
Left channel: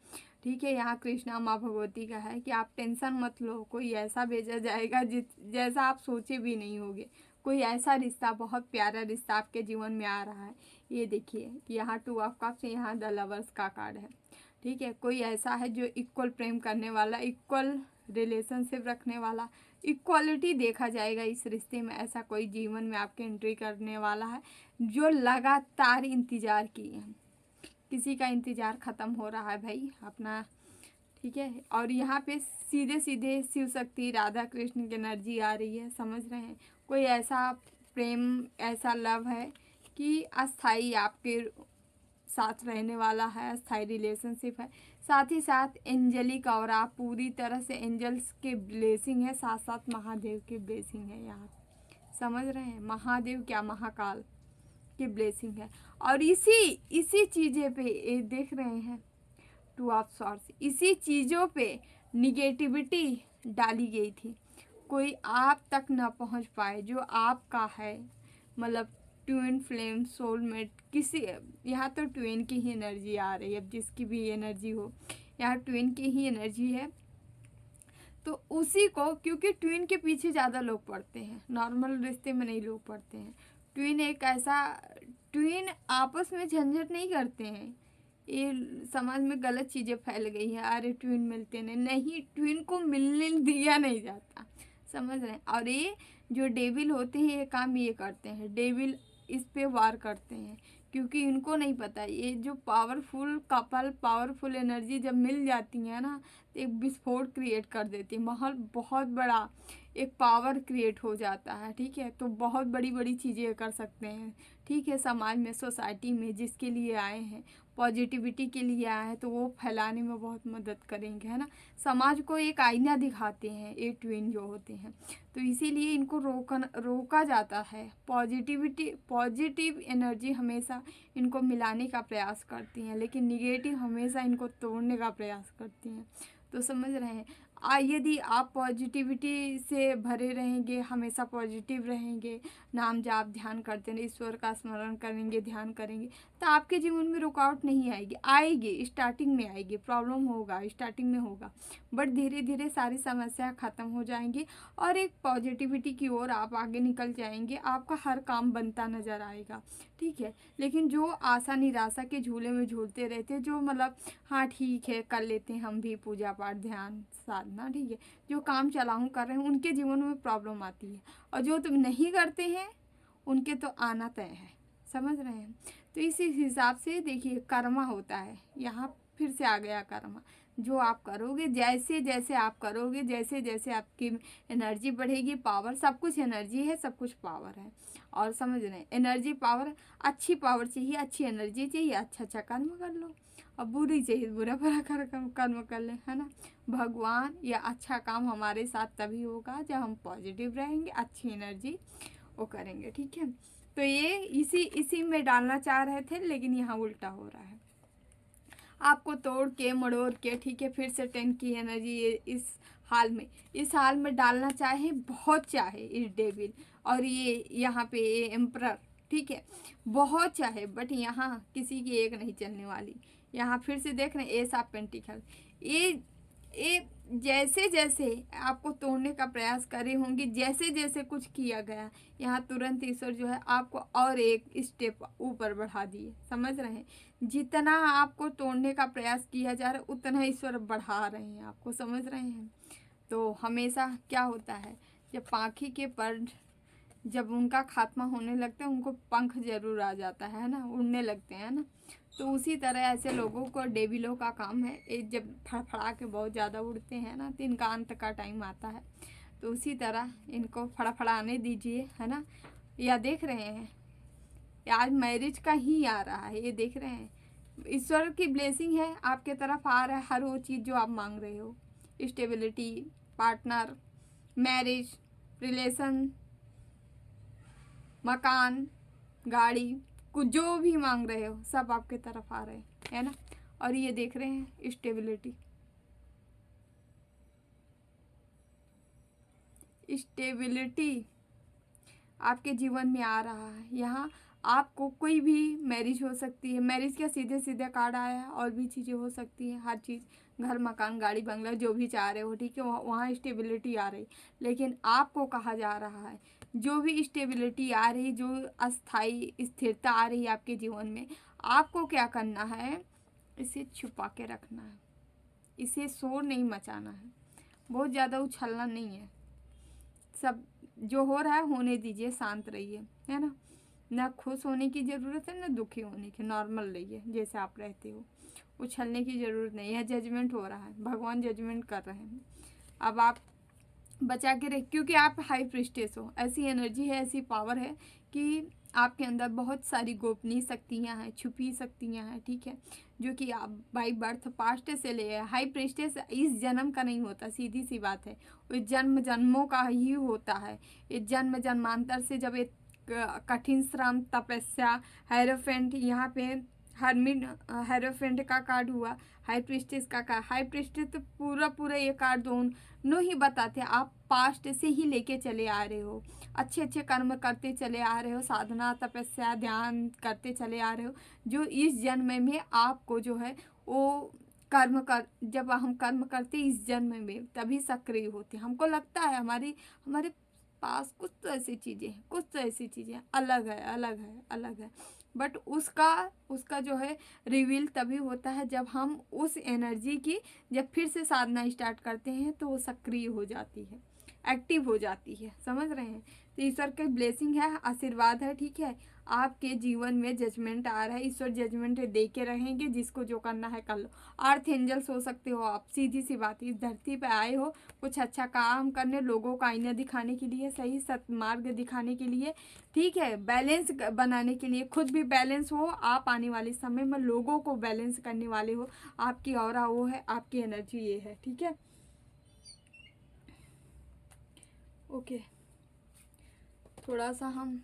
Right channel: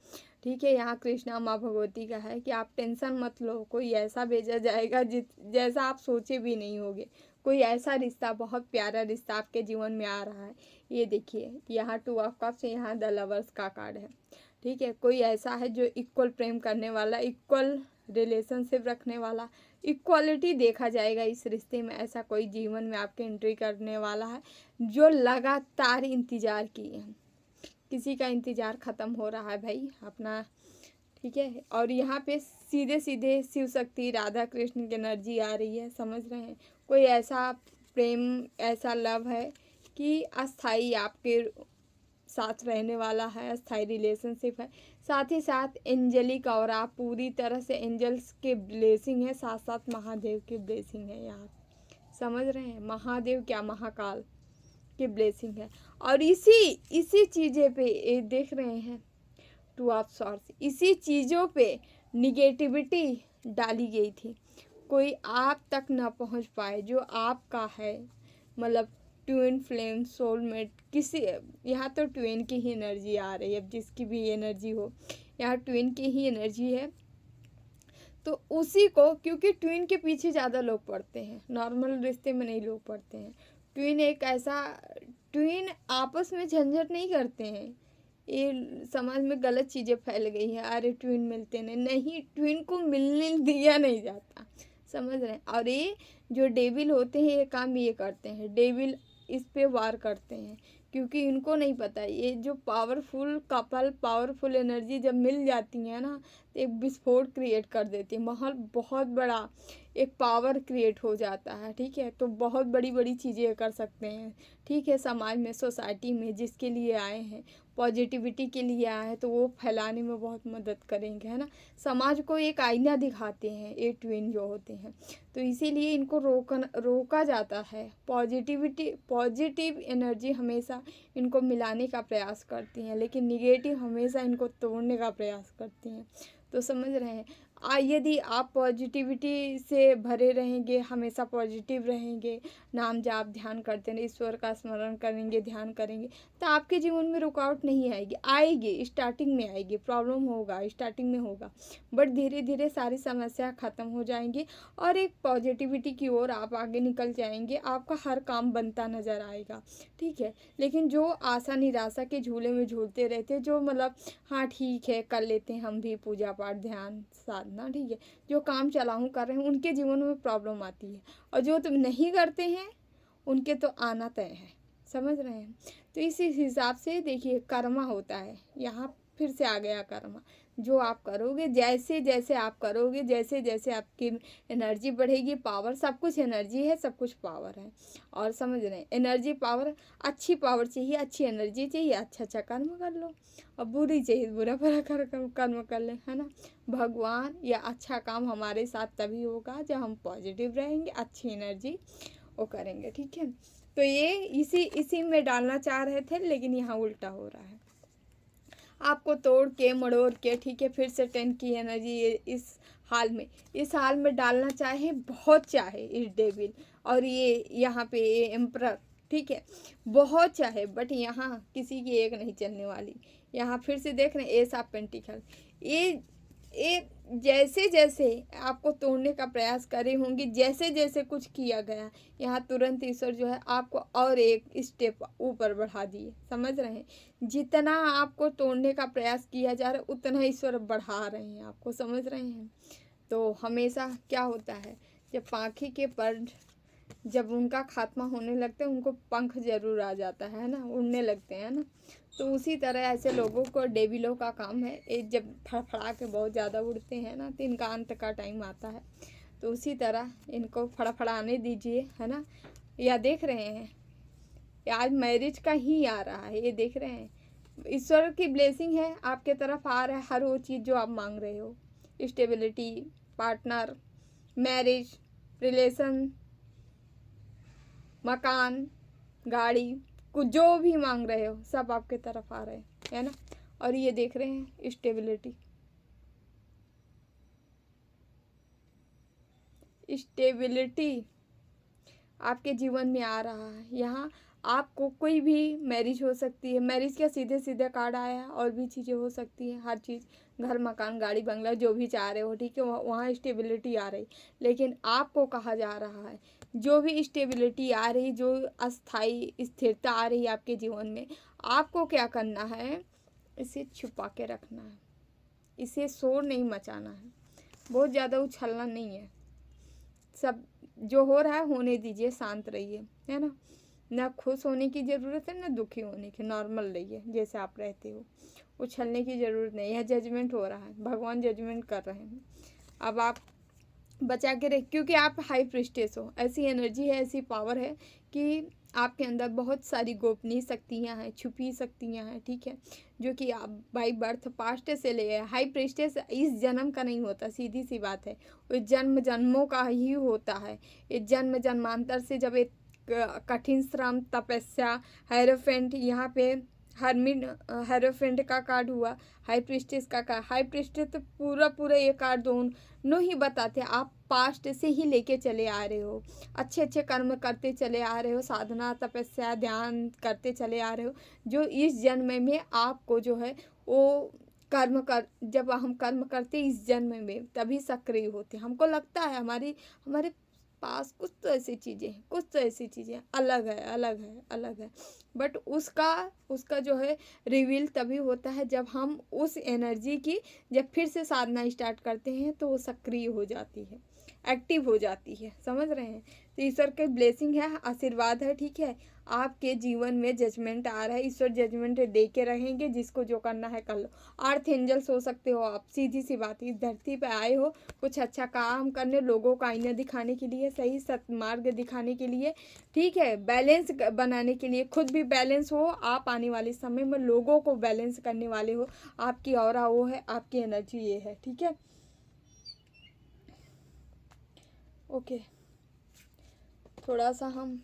ठीक है, यहाँ कृष्णा माँ भगवती का है कि आप टेंशन मत लो, कोई ऐसा भेजा जाएगा जैसा आप सोचे भी नहीं होगे। कोई ऐसा रिश्ता, बहुत प्यारा रिश्ता आपके जीवन में आ रहा है। ये देखिए यहाँ 2 ऑफ कप्स, यहाँ द लवर्स का कार्ड है। ठीक है, कोई ऐसा है जो इक्वल प्रेम करने वाला, इक्वल रिलेशनशिप रखने वाला, इक्वालिटी देखा जाएगा इस रिश्ते में। ऐसा कोई जीवन में आपके एंट्री करने वाला है जो लगातार इंतज़ार किए हैं। किसी का इंतज़ार ख़त्म हो रहा है भाई अपना। ठीक है, और यहाँ पे सीधे सीधे शिव शक्ति, राधा कृष्ण की एनर्जी आ रही है, समझ रहे हैं। कोई ऐसा प्रेम, ऐसा लव है कि अस्थाई आपके साथ रहने वाला है, अस्थाई रिलेशनशिप है। साथ ही साथ एंजलिक और आप पूरी तरह से एंजल्स के ब्लेसिंग है, साथ साथ महादेव की ब्लेसिंग है। यहाँ समझ रहे हैं, महादेव क्या, महाकाल की ब्लेसिंग है। और इसी चीज़ें पे ये देख रहे हैं 2 ऑफ सॉर्ड्स, इसी चीज़ों पे निगेटिविटी डाली गई थी, कोई आप तक ना पहुंच पाए जो आपका है, मतलब ट्विन फ्लेम, सोलमेट, किसी, यहाँ तो ट्विन की ही एनर्जी आ रही है। अब जिसकी भी एनर्जी हो, यहाँ ट्विन की ही एनर्जी है, तो उसी को, क्योंकि ट्विन के पीछे ज़्यादा लोग पड़ते हैं, नॉर्मल रिश्ते में नहीं लोग पड़ते हैं। ट्विन एक ऐसा, ट्विन आपस में झंझट नहीं करते हैं, ये समाज में गलत चीज़ें फैल गई हैं, अरे ट्विन मिलते नहीं, ट्विन को मिलने दिया नहीं जाता, समझ रहे हैं। और ये जो डेविल होते हैं ये काम ये करते हैं, डेविल इस पे वार करते हैं, क्योंकि इनको नहीं पता ये जो पावरफुल कपल, पावरफुल एनर्जी जब मिल जाती है ना, तो एक विस्फोट क्रिएट कर देती है, माहौल बहुत बड़ा एक पावर क्रिएट हो जाता है, ठीक है। तो बहुत बड़ी बड़ी चीज़ें कर सकते हैं, ठीक है। समाज में, सोसाइटी में जिसके लिए आए हैं, पॉजिटिविटी के लिए आए हैं, तो वो फैलाने में बहुत मदद करेंगे, है ना। समाज को एक आईना दिखाते हैं ये ट्विन जो होते हैं, तो इसीलिए इनको रोका जाता है। पॉजिटिव एनर्जी हमेशा इनको मिलाने का प्रयास करती हैं, लेकिन निगेटिव हमेशा इनको तोड़ने का प्रयास करती हैं। तो समझ रहे हैं। यदि आप पॉजिटिविटी से भरे रहेंगे, हमेशा पॉजिटिव रहेंगे, नाम जाप ध्यान करते रहें, ईश्वर का स्मरण करेंगे, ध्यान करेंगे, तो आपके जीवन में रुकावट नहीं आएगी। आएगी, स्टार्टिंग में आएगी, प्रॉब्लम होगा, स्टार्टिंग में होगा, बट धीरे धीरे सारी समस्या ख़त्म हो जाएंगी और एक पॉजिटिविटी की ओर आप आगे निकल जाएंगे। आपका हर काम बनता नज़र आएगा, ठीक है। लेकिन जो आशा निराशा के झूले में झूलते रहते, जो मतलब हाँ ठीक है कर लेते हैं हम भी पूजा पाठ ध्यान साधना, ठीक है, जो काम चलाऊँ कर रहे हैं, उनके जीवन में प्रॉब्लम आती है। और जो तुम नहीं करते हैं उनके तो आना तय है, समझ रहे हैं। तो इसी हिसाब से देखिए कर्मा होता है, यहाँ फिर से आ गया कर्मा। जो आप करोगे, जैसे जैसे आप करोगे, जैसे जैसे आपकी एनर्जी बढ़ेगी, पावर, सब कुछ एनर्जी है, सब कुछ पावर है। और समझ रहे हैं, एनर्जी पावर, अच्छी पावर चाहिए, अच्छी एनर्जी चाहिए, अच्छा अच्छा कर्म कर लो, और बुरी चाहिए बुरा भरा कर्म कर ले, है ना। भगवान या अच्छा काम हमारे साथ तभी होगा जब हम पॉजिटिव रहेंगे, अच्छी एनर्जी वो करेंगे, ठीक है। तो ये इसी में डालना चाह रहे थे, लेकिन यहाँ उल्टा हो रहा है। आपको तोड़ के मड़ोड़ के, ठीक है, फिर से 10 की एनर्जी इस हाल में डालना चाहे, बहुत चाहे इस डेविल और ये यहाँ पे ये एम्परर, ठीक है, बहुत चाहे, बट यहाँ किसी की एक नहीं चलने वाली। यहाँ फिर से देख रहे हैं एस ऑफ पेंटिकल, ये जैसे जैसे आपको तोड़ने का प्रयास करे होंगे, जैसे जैसे कुछ किया गया, यहाँ तुरंत ईश्वर जो है आपको और एक स्टेप ऊपर बढ़ा दिए, समझ रहे हैं। जितना आपको तोड़ने का प्रयास किया जा रहा है, उतना ईश्वर बढ़ा रहे हैं आपको, समझ रहे हैं। तो हमेशा क्या होता है, जब पाखी के पर जब उनका खात्मा होने लगता है, उनको पंख जरूर आ जाता है ना, उड़ने लगते हैं ना। तो उसी तरह ऐसे लोगों को, डेविलों का काम है, एक जब फड़फड़ा के बहुत ज़्यादा उड़ते हैं ना, तो इनका अंत का टाइम आता है। तो उसी तरह इनको फड़फड़ाने दीजिए, है ना। या देख रहे हैं आज मैरिज का ही आ रहा है, ये देख रहे हैं, ईश्वर की ब्लेसिंग है आपके तरफ आ रहा है, हर वो चीज़ जो आप मांग रहे हो, स्टेबिलिटी, पार्टनर, मैरिज, रिलेशन, मकान, गाड़ी, कुछ जो भी मांग रहे हो सब आपके तरफ आ रहे हैं, है ना। और ये देख रहे हैं स्टेबिलिटी आपके जीवन में आ रहा है। यहाँ आपको कोई भी मैरिज हो सकती है, मैरिज का सीधे सीधे कार्ड आया है, और भी चीज़ें हो सकती है, हर चीज़, घर मकान गाड़ी बंगला जो भी चाह रहे हो, ठीक है, वहाँ स्टेबिलिटी आ रही। लेकिन आपको कहा जा रहा है जो भी स्टेबिलिटी आ रही, जो अस्थाई स्थिरता आ रही है आपके जीवन में, आपको क्या करना है, इसे छुपा के रखना है, इसे शोर नहीं मचाना है, बहुत ज़्यादा उछलना नहीं है। सब जो हो रहा है होने दीजिए, शांत रहिए, है ना। ना खुश होने की ज़रूरत है, ना दुखी होने की, नॉर्मल रहिए जैसे आप रहते हो, उछलने की ज़रूरत नहीं है। जजमेंट हो रहा है, भगवान जजमेंट कर रहे हैं, अब आप बचा के रख, क्योंकि आप हाई प्रिस्टेस हो, ऐसी एनर्जी है, ऐसी पावर है कि आपके अंदर बहुत सारी गोपनीय शक्तियाँ हैं, छुपी शक्तियाँ हैं, ठीक है, जो कि आप बाई बर्थ पास्ट से ले आए। हाई प्रिस्टेस इस जन्म का नहीं होता, सीधी सी बात है, वो जन्म जन्मों का ही होता है। इस जन्म जन्मांतर से जब एक कठिन श्रम, तपस्या, हेरोफेंट, यहाँ पे हर्मिट हेरोफेंट का कार्ड हुआ, हाई प्रिस्टेस का कार्ड, हाई प्रिस्टेस तो पूरा ये कार्ड दोनों ही बताते हैं, आप पास्ट से ही लेके चले आ रहे हो, अच्छे अच्छे कर्म करते चले आ रहे हो, साधना तपस्या ध्यान करते चले आ रहे हो, जो इस जन्म में आपको जो है वो कर्म कर, जब हम कर्म करते इस जन्म में तभी सक्रिय होते हैं। हमको लगता है हमारे पास कुछ तो ऐसी चीज़ें हैं, कुछ तो ऐसी चीज़ें अलग है, अलग है, अलग है। बट उसका उसका जो है रिवील तभी होता है जब हम उस एनर्जी की जब फिर से साधना स्टार्ट करते हैं तो वो सक्रिय हो जाती है, एक्टिव हो जाती है। समझ रहे हैं? तो ईश्वर की ब्लेसिंग है, आशीर्वाद है, ठीक है। आपके जीवन में जजमेंट आ रहा है, ईश्वर जजमेंट दे के रहेंगे, जिसको जो करना है कर लो। अर्थ एंजल्स हो सकते हो आप, सीधी सी बात। इस धरती पे आए हो कुछ अच्छा काम करने, लोगों का आईना दिखाने के लिए, सही सत्मार्ग दिखाने के लिए, ठीक है, बैलेंस बनाने के लिए। खुद भी बैलेंस हो आप, आने वाले समय में लोगों को बैलेंस करने वाले हो। आपकी ऑरा वो है, आपकी एनर्जी ये है, ठीक है। ओके, थोड़ा सा हम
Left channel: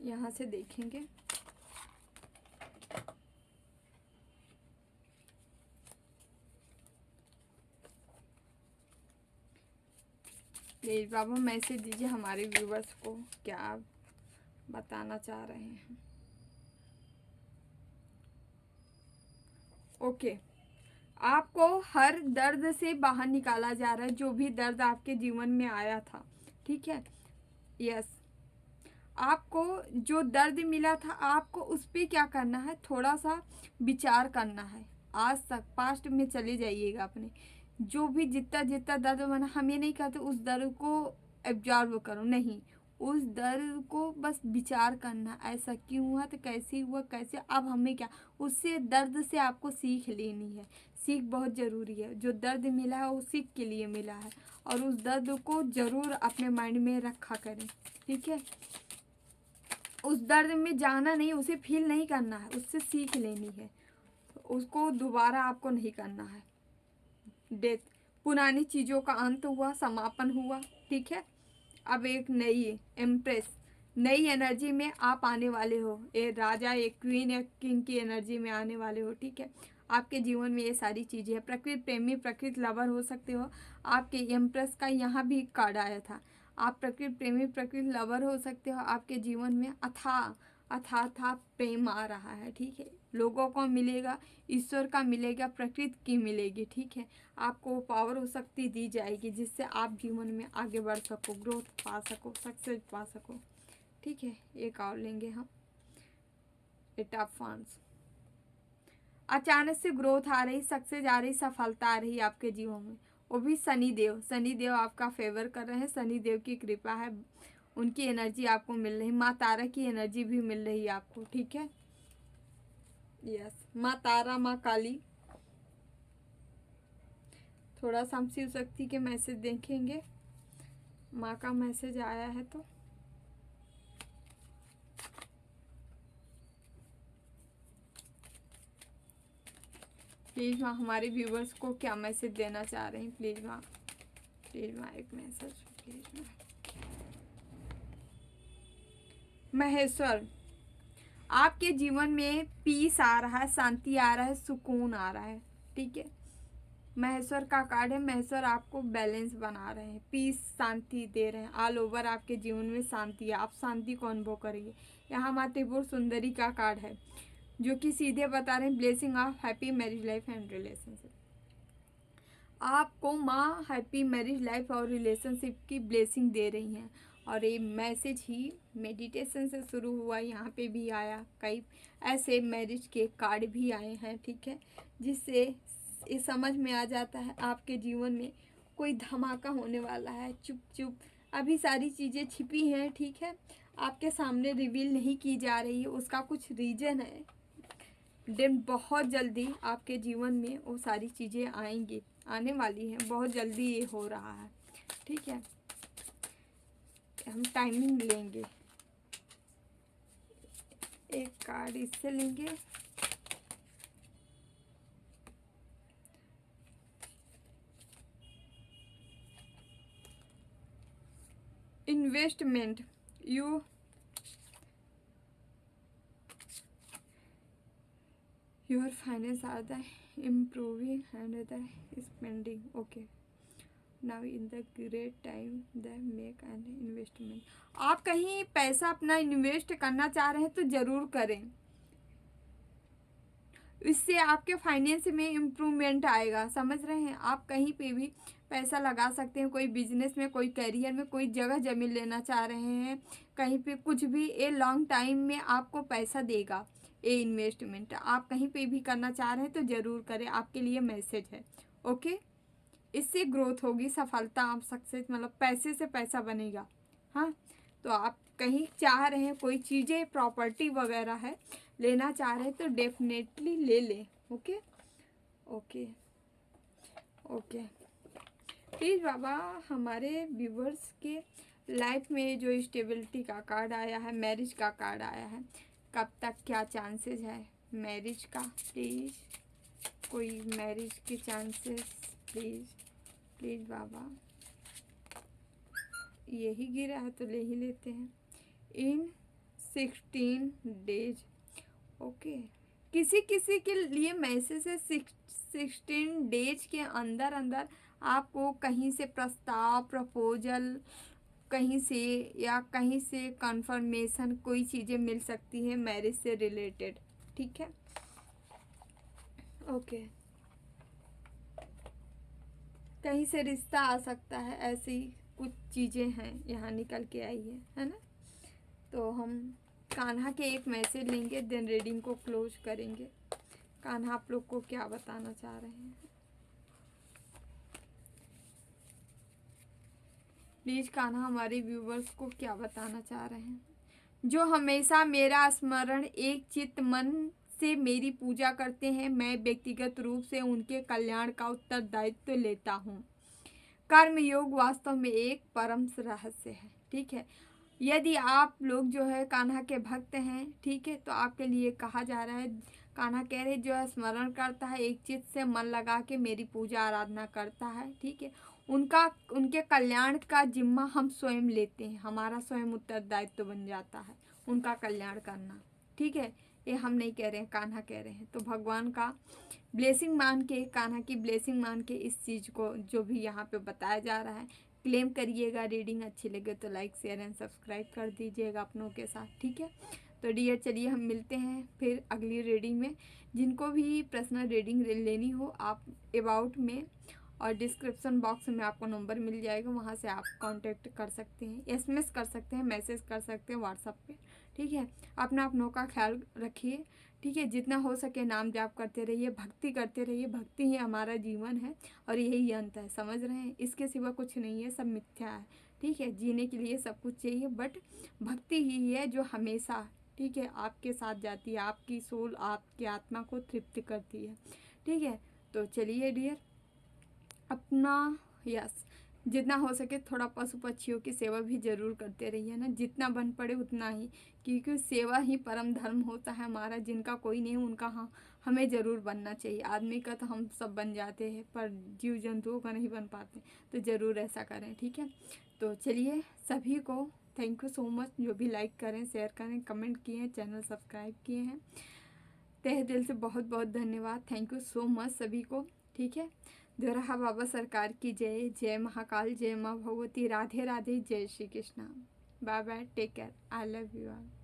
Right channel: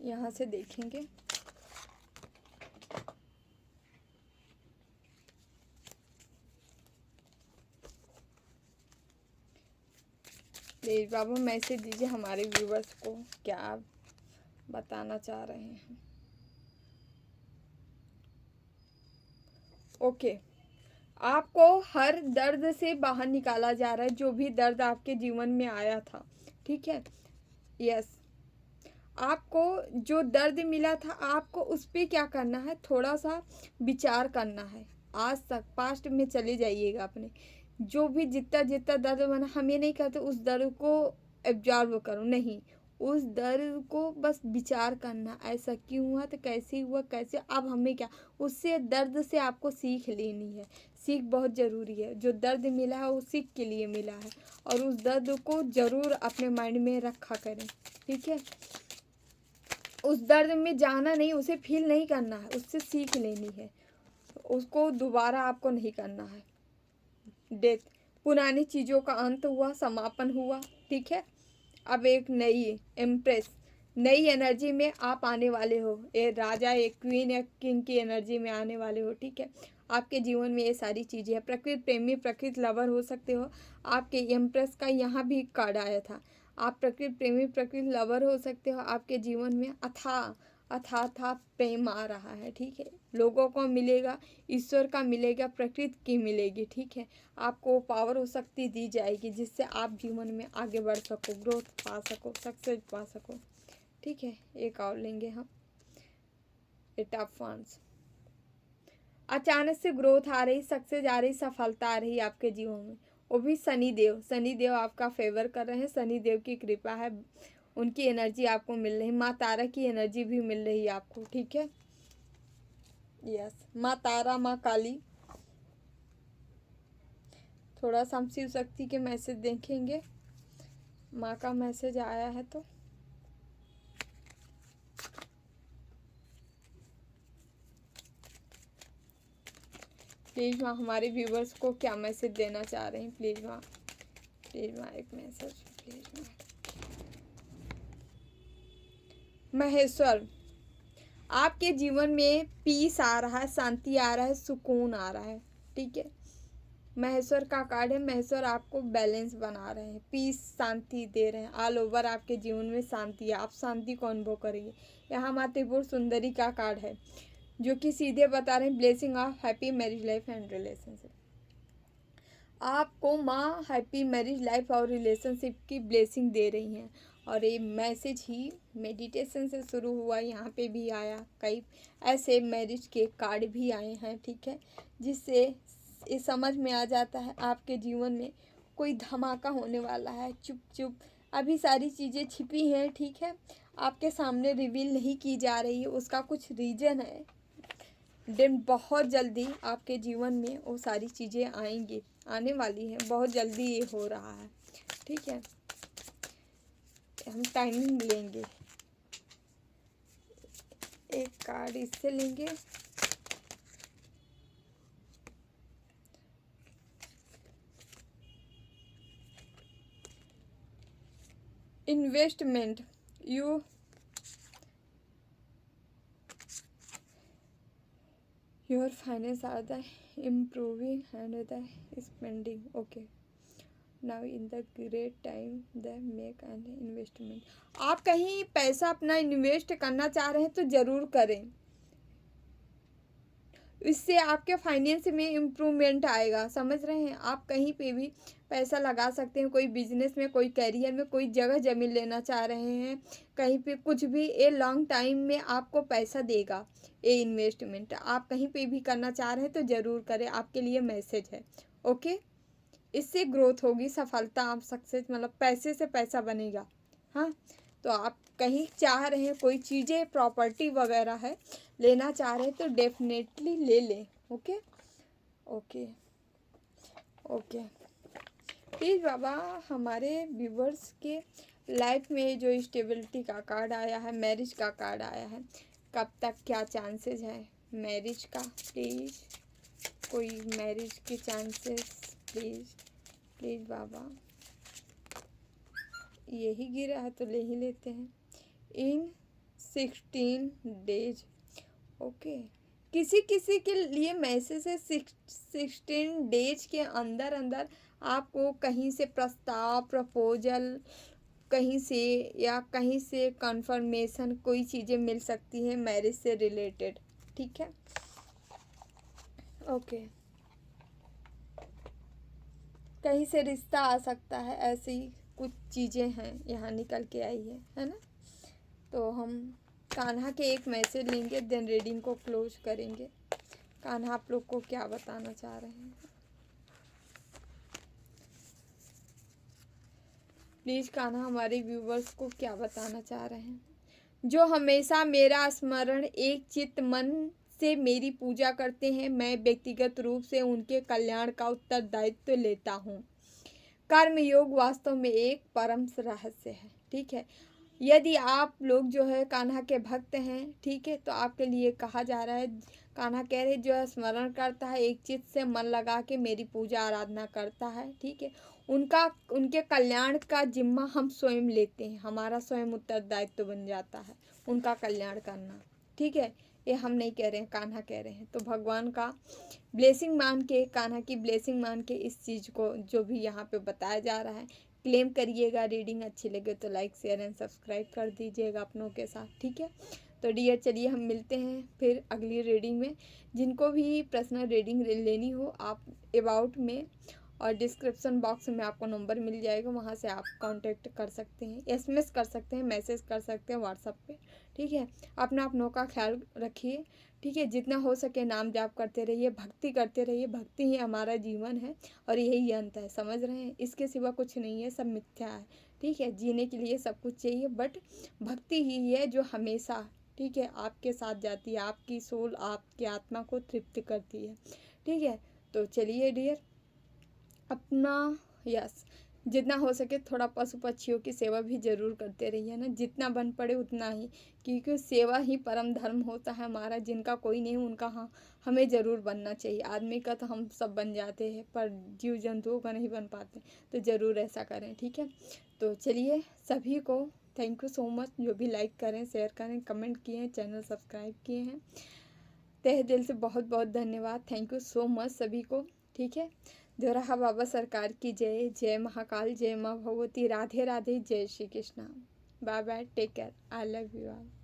यहाँ से देखेंगे। प्लीज बाबा मैसेज दीजिए हमारे व्यूवर्स को, क्या आप बताना चाह रहे हैं। ओके, आपको हर दर्द से बाहर निकाला जा रहा है, जो भी दर्द आपके जीवन में आया था, ठीक है। यस, आपको जो दर्द मिला था, आपको उस पर क्या करना है, थोड़ा सा विचार करना है। आज तक पास्ट में चले जाइएगा अपने, जो भी जितना जितना दर्द बना, हम ये नहीं कहते उस दर्द को एब्जॉर्व करो, नहीं। उस दर्द को बस विचार करना, ऐसा क्यों हुआ, तो कैसे हुआ, कैसे, अब हमें क्या, उससे दर्द से आपको सीख लेनी है। सीख बहुत ज़रूरी है। जो दर्द मिला है वो सीख के लिए मिला है, और उस दर्द को ज़रूर अपने माइंड में रखा करें, ठीक है। उस दर्द में जाना नहीं, उसे फील नहीं करना है, उससे सीख लेनी है। उसको दोबारा आपको नहीं करना है। डेथ, पुरानी चीज़ों का अंत हुआ, समापन हुआ, ठीक है। अब एक नई एम्प्रेस, नई एनर्जी में आप आने वाले हो। ये राजा, एक क्वीन, एक किंग की एनर्जी में आने वाले हो, ठीक है। आपके जीवन में ये सारी चीज़ें हैं। प्रकृति प्रेमी, प्रकृति लवर हो सकते हो। आपके एम्प्रेस का यहाँ भी कार्ड आया था। आप प्रकृति प्रेमी, प्रकृति लवर हो सकते हो। आपके जीवन में अथा प्रेम आ रहा है, ठीक है। लोगों को मिलेगा, ईश्वर का मिलेगा, प्रकृति की मिलेगी, ठीक है। आपको पावर और शक्ति दी जाएगी जिससे आप जीवन में आगे बढ़ सको, ग्रोथ पा सको, सक्सेस पा सको, ठीक है। एक और लेंगे हम, एट ऑफ वांड्स। अचानक से ग्रोथ आ रही, सक्सेस आ रही, सफलता आ रही आपके जीवन में, वो भी शनिदेव। शनिदेव आपका फेवर कर रहे हैं, शनिदेव की कृपा है, उनकी एनर्जी आपको मिल रही, माँ तारा की एनर्जी भी मिल रही है आपको, ठीक है। यस, माँ तारा, माँ काली। थोड़ा सा हम शिव शक्ति के मैसेज देखेंगे, माँ का मैसेज आया है तो। प्लीज़ माँ हमारे व्यूवर्स को क्या मैसेज देना चाह रहे हैं, प्लीज़ माँ, प्लीज़ माँ एक मैसेज, प्लीज़ माँ। महेश्वर, आपके जीवन में पीस आ रहा है, शांति आ रहा है, सुकून आ रहा है, ठीक है। महेश्वर का कार्ड है। महेश्वर आपको बैलेंस बना रहे हैं, पीस, शांति दे रहे हैं। ऑल ओवर आपके जीवन में शांति है, आप शांति को अनुभव करेंगे। यहाँ माँ त्रिपुर सुंदरी का कार्ड है, जो कि सीधे बता रहे हैं blessing of happy marriage life and relationship. आपको माँ हैप्पी मैरिज लाइफ और रिलेशनशिप की ब्लेसिंग दे रही हैं। और ये मैसेज ही मेडिटेशन से शुरू हुआ, यहाँ पे भी आया, कई ऐसे मैरिज के कार्ड भी आए हैं, ठीक है। जिससे ये समझ में आ जाता है आपके जीवन में कोई धमाका होने वाला है। चुप चुप अभी सारी चीज़ें छिपी हैं, ठीक है, आपके सामने रिवील नहीं की जा रही है, उसका कुछ रीज़न है। देन बहुत जल्दी आपके जीवन में वो सारी चीज़ें आएंगी, आने वाली हैं, बहुत जल्दी ये हो रहा है, ठीक है। हम टाइमिंग लेंगे, एक कार्ड इससे लेंगे, investment, your finance are the improving and the spending. Okay, now in the great time the make an investment. आप कहीं पैसा अपना इन्वेस्ट करना चाह रहे हैं तो ज़रूर करें। इससे आपके फाइनेंस में इम्प्रूवमेंट आएगा। समझ रहे हैं? आप कहीं पे भी पैसा लगा सकते हैं, कोई बिजनेस में, कोई करियर में, कोई जगह ज़मीन लेना चाह रहे हैं, कहीं पे कुछ भी, ये लॉन्ग टाइम में आपको पैसा देगा। ये इन्वेस्टमेंट आप कहीं पे भी करना चाह रहे हैं तो ज़रूर करें, आपके लिए मैसेज है। ओके, इससे ग्रोथ होगी, सफलता, आप सक्सेस, मतलब पैसे से पैसा बनेगा। हाँ, तो आप कहीं चाह रहे हैं, कोई चीज़ें, प्रॉपर्टी वगैरह है, लेना चाह रहे हैं तो डेफिनेटली ले लें। Okay okay okay. प्लीज़ बाबा, हमारे व्यूवर्स के लाइफ में जो स्टेबिलिटी का कार्ड आया है, मैरिज का कार्ड आया है, कब तक क्या चांसेस है मैरिज का? प्लीज़ कोई मैरिज के चांसेस, प्लीज़ प्लीज़ बाबा। यही गिरा है तो ले ही लेते हैं। इन 16 डेज। ओके, किसी किसी के लिए मैसेज है 16 डेज के अंदर अंदर आपको कहीं से प्रस्ताव, प्रपोजल, कहीं से या कहीं से कंफर्मेशन, कोई चीज़ें मिल सकती हैं मैरिज से रिलेटेड। ठीक है, ओके, कहीं से रिश्ता आ सकता है, ऐसी कुछ चीज़ें हैं यहाँ निकल के आई है ना? तो हम कान्हा के एक मैसेज लेंगे, देन रीडिंग को क्लोज करेंगे। कान्हा आप लोग को क्या बताना चाह रहे हैं? प्लीज़ कान्हा हमारे व्यूवर्स को क्या बताना चाह रहे हैं? जो हमेशा मेरा स्मरण एक चित्त मन से मेरी पूजा करते हैं, मैं व्यक्तिगत रूप से उनके कल्याण का उत्तरदायित्व लेता हूँ। कर्म योग वास्तव में एक परम रहस्य है। ठीक है, यदि आप लोग जो है कान्हा के भक्त हैं, ठीक है, तो आपके लिए कहा जा रहा है, कान्हा कह रहे जो है स्मरण करता है, एक चित्त से मन लगा के मेरी पूजा आराधना करता है, ठीक है, उनका, उनके कल्याण का जिम्मा हम स्वयं लेते हैं, हमारा स्वयं उत्तरदायित्व बन जाता है उनका कल्याण करना। ठीक है, ये हम नहीं कह रहे हैं, कान्हा कह रहे हैं। तो भगवान का ब्लेसिंग मान के, कान्हा की ब्लेसिंग मान के इस चीज़ को जो भी यहाँ पे बताया जा रहा है क्लेम करिएगा। रीडिंग अच्छी लगे तो लाइक, शेयर एंड सब्सक्राइब कर दीजिएगा अपनों के साथ। ठीक है, तो डियर चलिए हम मिलते हैं फिर अगली रीडिंग में। जिनको भी पर्सनल रीडिंग लेनी हो, आप अबाउट में और डिस्क्रिप्शन बॉक्स में आपको नंबर मिल जाएगा, वहाँ से आप कांटेक्ट कर सकते हैं, एसएमएस कर सकते हैं, मैसेज कर सकते हैं व्हाट्सएप पे। ठीक है, अपनों का ख्याल रखिए। ठीक है, जितना हो सके नाम जाप करते रहिए, भक्ति करते रहिए। भक्ति ही हमारा जीवन है और यही अंत है। समझ रहे हैं? इसके सिवा कुछ नहीं है, सब मिथ्या है। ठीक है, जीने के लिए सब कुछ चाहिए, बट भक्ति ही है जो हमेशा, ठीक है, आपके साथ जाती है, आपकी सोल, आपकी आत्मा को तृप्त करती है। ठीक है, तो चलिए डियर, अपना यस, जितना हो सके थोड़ा पशु पक्षियों की सेवा भी ज़रूर करते रहिए ना, जितना बन पड़े उतना ही, क्योंकि सेवा ही परम धर्म होता है हमारा। जिनका कोई नहीं उनका हाँ हमें ज़रूर बनना चाहिए। आदमी का तो हम सब बन जाते हैं, पर जीव जंतुओं का नहीं बन पाते, तो ज़रूर ऐसा करें। ठीक है, तो चलिए सभी को थैंक यू सो मच, जो भी लाइक करें, शेयर करें, कमेंट किए हैं, चैनल सब्सक्राइब किए हैं, तहे दिल से बहुत बहुत धन्यवाद। थैंक यू सो मच सभी को। ठीक है, दोराहा बाबा सरकार की जय। जय महाकाल, जय माँ भगवती, राधे राधे, जय Shri Krishna. Bye bye, take care, I love you all.